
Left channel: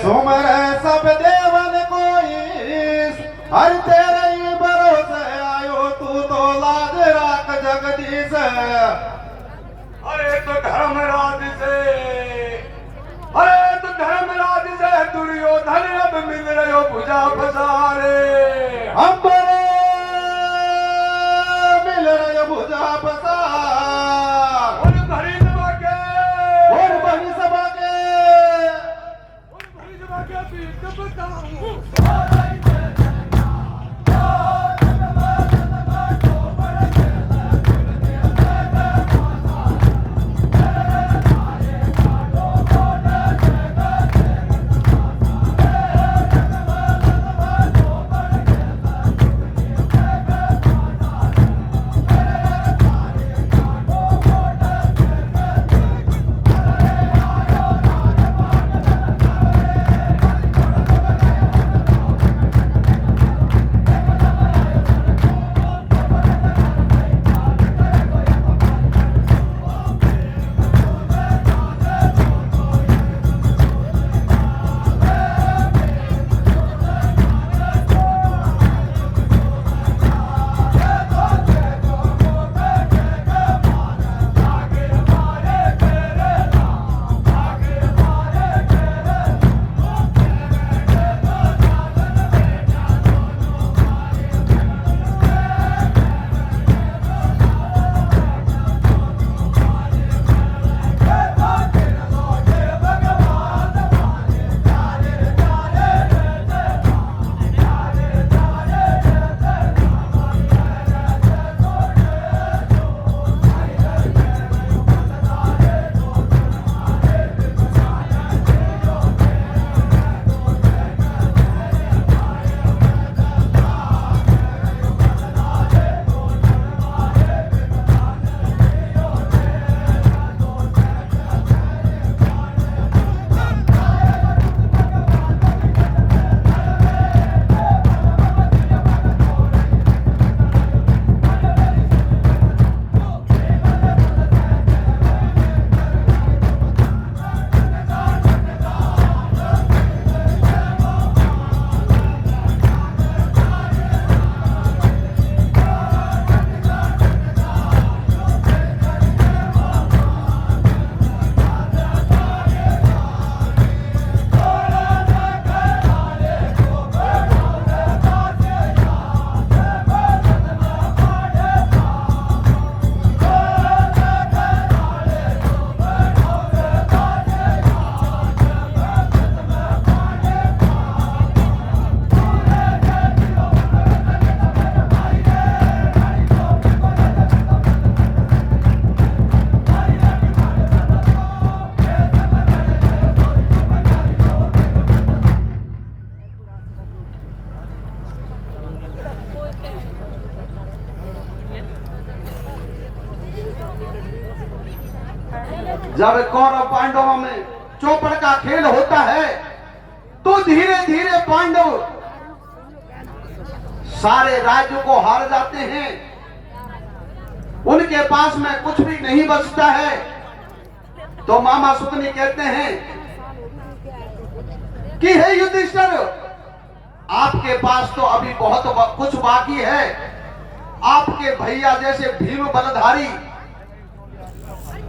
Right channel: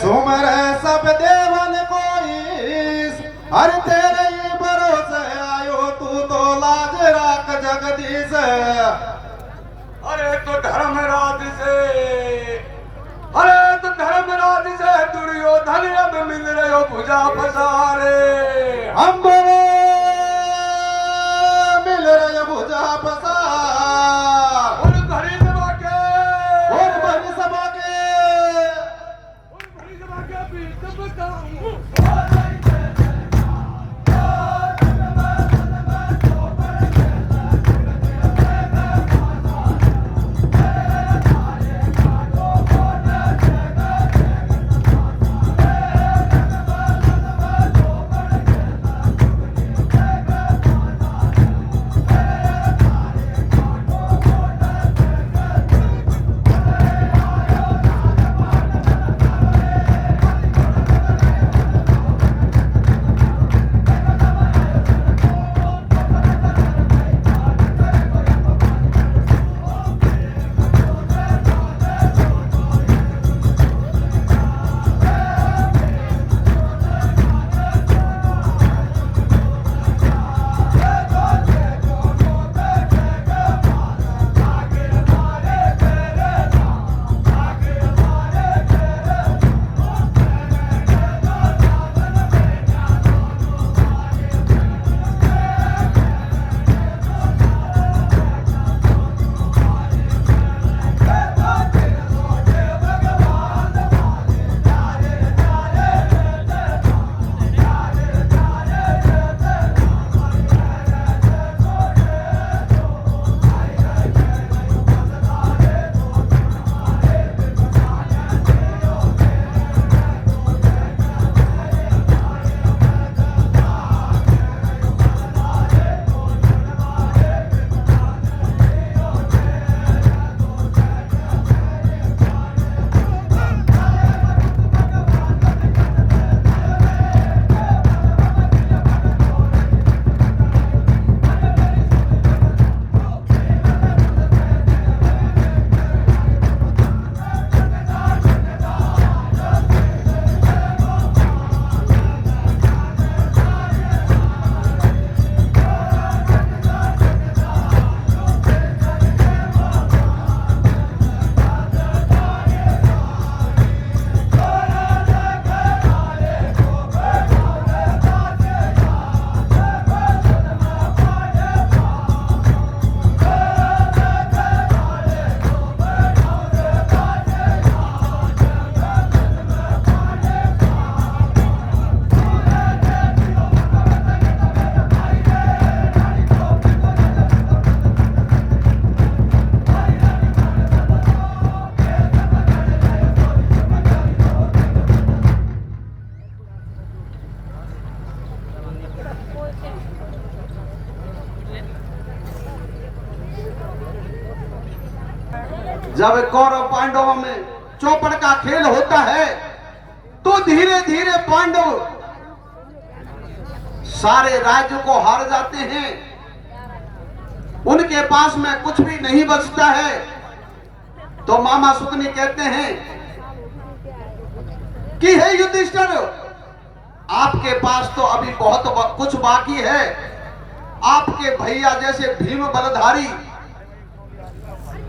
सुमरे सब देवन को ईश हर तेरे ही भरोसे आयो तू तो लाज राख जगदीश। अरे तो धर्मराज से, अरे तो धर्मराज से दुर्योधन अब मिल रहे भुजा पसारे। हम बड़े मिल रहे भुजा पसार और भरी सभा के, और बड़ी सभा के और भरी सभा के बीच बताऊं। जब कौरव पांडवों में चौपड़ का खेल होता है तो धीरे धीरे पांडव सारे राज्य को हार जाते हैं। उनके पास में कुछ भी नहीं बचता है। तो मामा सुकनी कहते हैं कि हे युधिष्ठिर, आपके पास तो अभी बहुत कुछ बाकी है। आपके भैया जैसे भीम बलधारी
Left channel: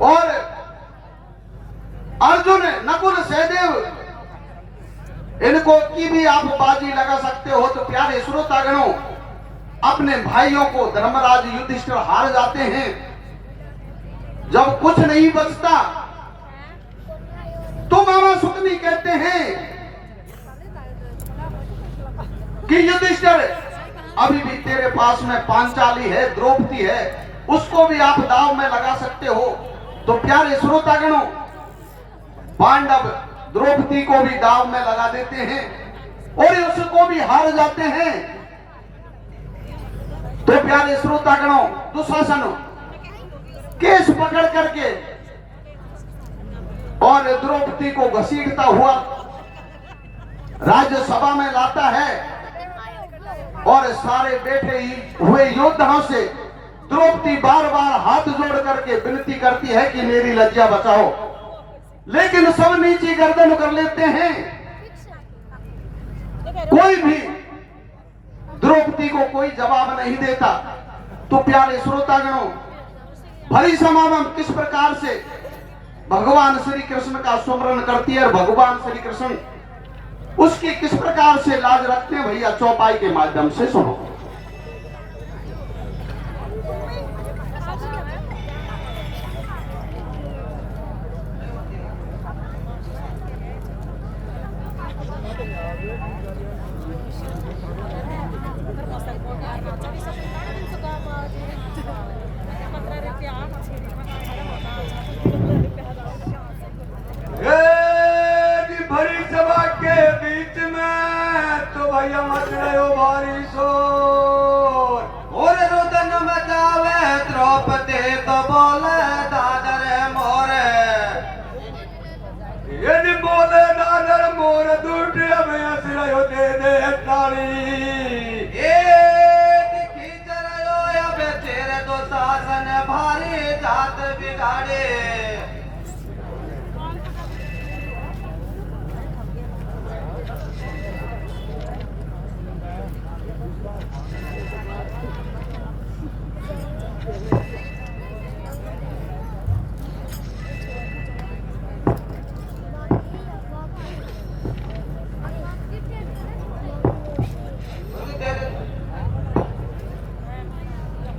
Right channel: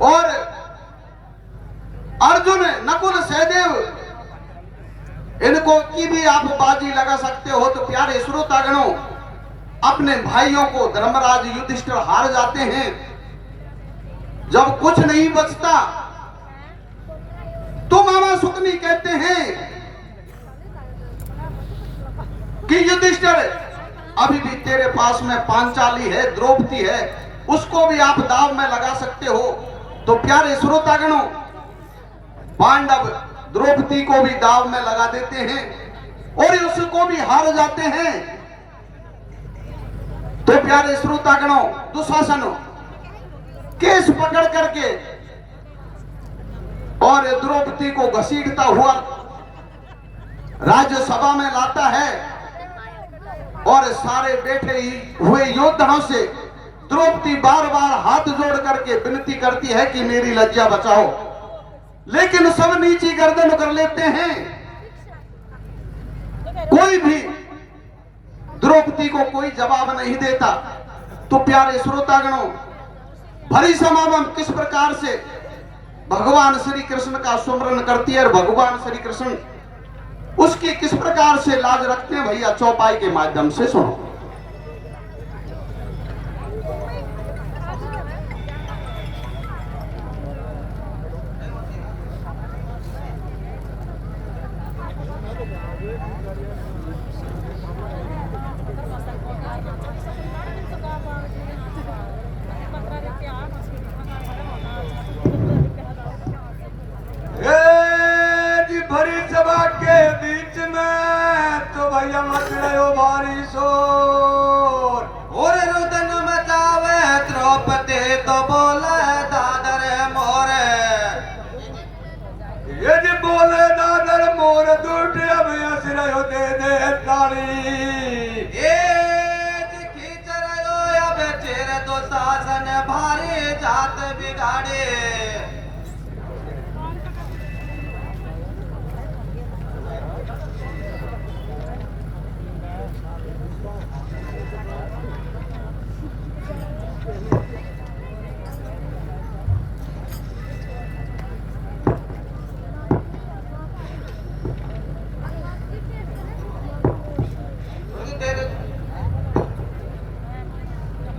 और अर्जुन, नकुल, सहदेव, इनको की भी आप बाजी लगा सकते हो। तो प्यारे श्रोतागणों, अपने भाइयों को धर्मराज युधिष्ठिर हार जाते हैं। जब कुछ नहीं बचता तो मामा सुकनी कहते हैं कि युधिष्ठिर, अभी भी तेरे पास में पांचाली है, द्रौपदी है, उसको भी आप दाव में लगा सकते हो। तो प्यारे श्रोतागणों, पांडव द्रौपदी को भी दाव में लगा देते हैं और उसको भी हार जाते हैं। तो प्यारे श्रोतागणों, दुशासन केस पकड़ करके और द्रौपदी को घसीटता हुआ राज्यसभा में लाता है और सारे बैठे हुए योद्धाओं से द्रौपदी बार बार हाथ जोड़ करके विनती करती है कि मेरी लज्जा बचाओ, लेकिन सब नीची गर्दन कर लेते हैं। कोई भी द्रौपदी को कोई जवाब नहीं देता। तो प्यारे श्रोतागणों, भरी सभा में किस प्रकार से भगवान श्री कृष्ण का सुमरन करती है और भगवान श्री कृष्ण उसकी किस प्रकार से लाज रखते हैं, भैया चौपाई के माध्यम से सुनो। भरी सभा के बीच में तो भैया मच रहे हो भारी शोर, और रुदन मचावे द्रौपदी तो बोले दादर मोरे। यदि बोले दादर मोर दूटे अभी हंस रहे हो, दे दे ताली। ये खींच रहे हो अब तेरे तो शासन भारी जात बिगाड़े।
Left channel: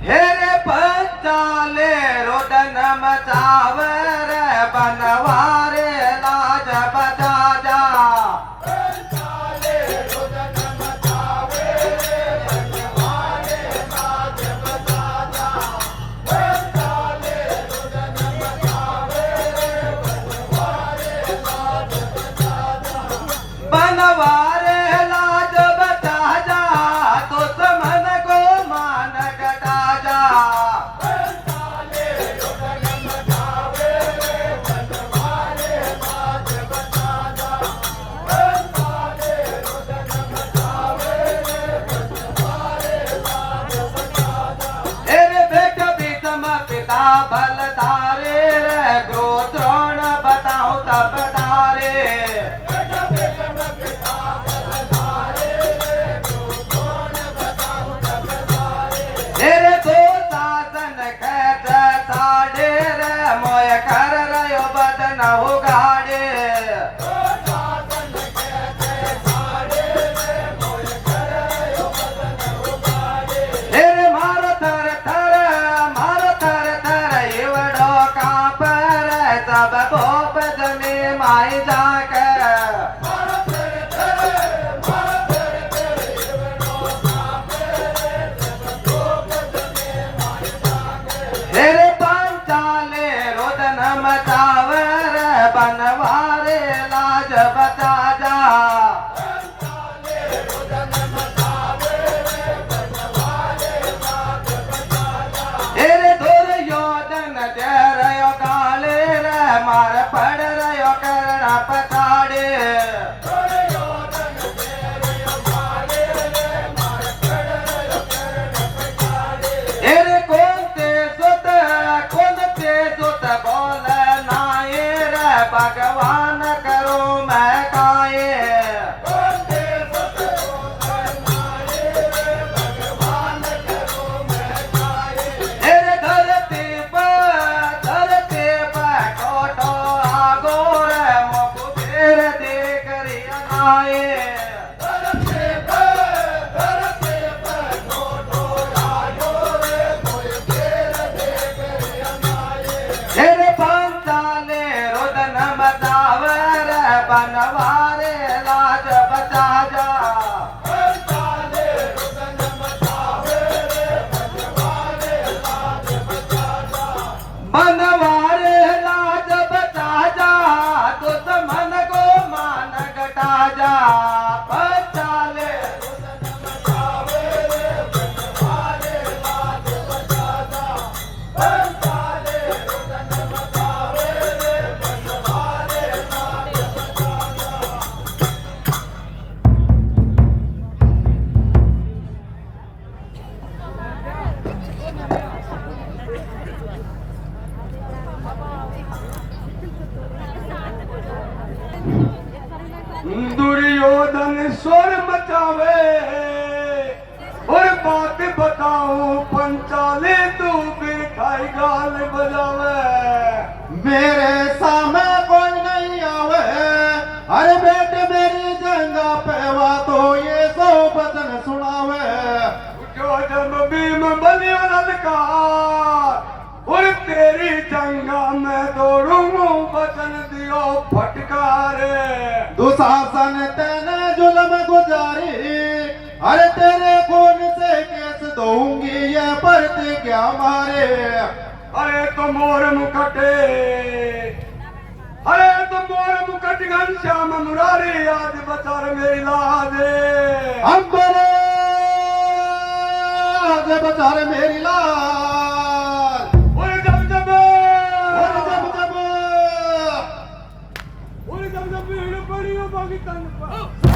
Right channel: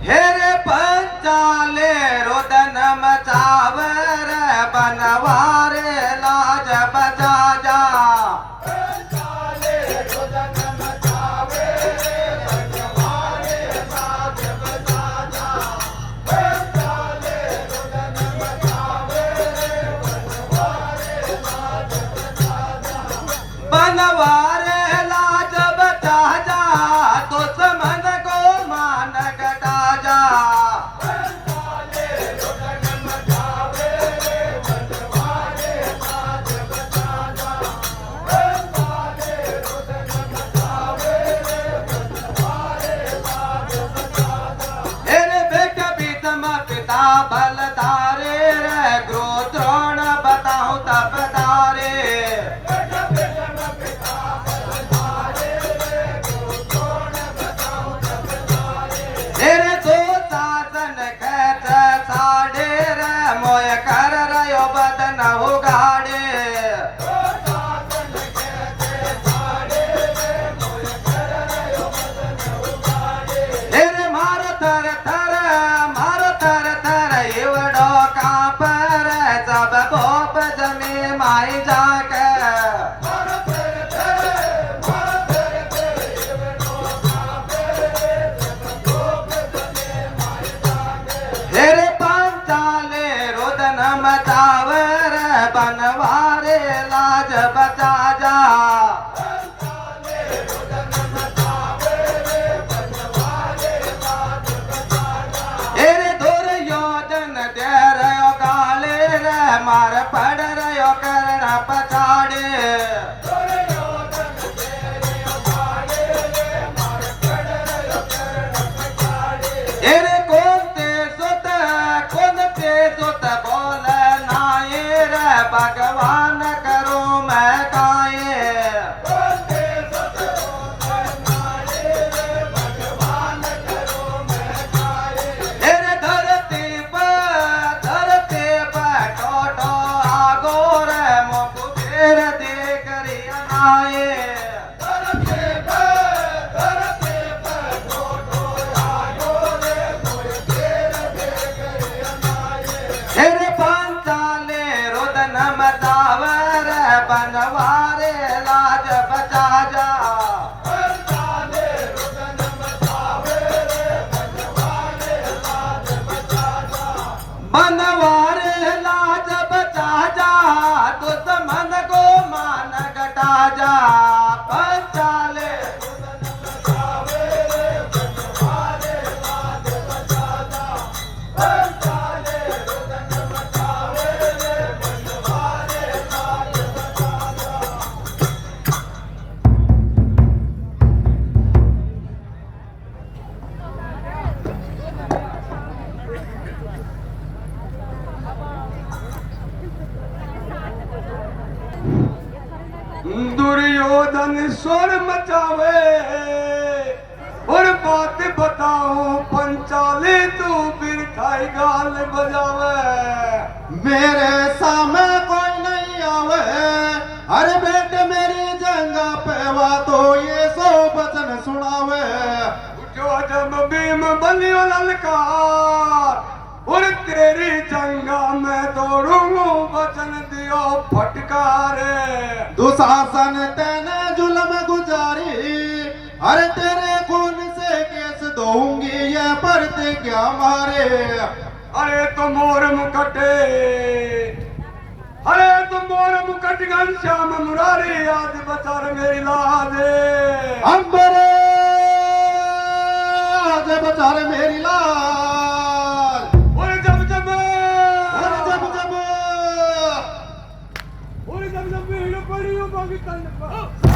हेरे पंचाले रोदन मचावे रे बनवारे लाज बचा जा। पंचाले रोदन मचावे रे बनवारे लाज बचा जा। पंचाले रोदन मचावे रे बनवारे लाज बचा जा। बनवारे लाज बचा जा, तो समझ को मान घटा जा। पंचाले रोदन मचावे रे बनवारे लाज बचा जा। पंचाले रोदन मचावे रे बनवारे लाज बचा जा। तेरे बेटा बीतम पिता बलधारे रे, द्रोण बताओ तब धारे। बेटा बीतम पिता बलधारे रे, द्रोण बताओ तब धारे। तेरे दो शासन खेत साड़े रे, मोय कर रयो बदन उगाड़े। दो शासन खेत साड़े रे, मोय कर रयो बदन उगाड़े। तेरे मारो थर थर इवड़ो कांप रे, सब भोप जमी माई जाके। मारो थर थर इवड़ो कांप रे, सब भोप जमी माई जाके। तेरे पंचाले रोदन मचावे रे बनवारे लाज बचा जा। पंचाले रोदन मचावे रे बनवारे लाज बचा जा। तेरे दूर योजन दे रयो गाले रे, मार पड़ रयो कर्ण पछाड़े। दूर योजन दुर्योधन स्वर मचावे और बात बताऊं पंचाले तू फिर खाई गाल बजावे। मेरे सामने कोई नहीं आवे, अरे बेटे मेरी जंगा पे वा तो ये सो बचन सुनावे। जो जब भीम बलियो ललकार और तेरी जंगा में दौड़ूंगा बचन दियो फटकारे। दुशासन तेने जुल्म गुजारी, अरे तेरे खून से केस दूंगी ये प्रतिज्ञा मारे। अरे तो मोर मुकटे, अरे तो मोर मुकट घनश्याम मुरारी आज बचार मेरी लाजे। अंबरे आज बचार मेरी लाज। और जब जब और जब जब भीड़ पड़ी हो पाकिस्तान पर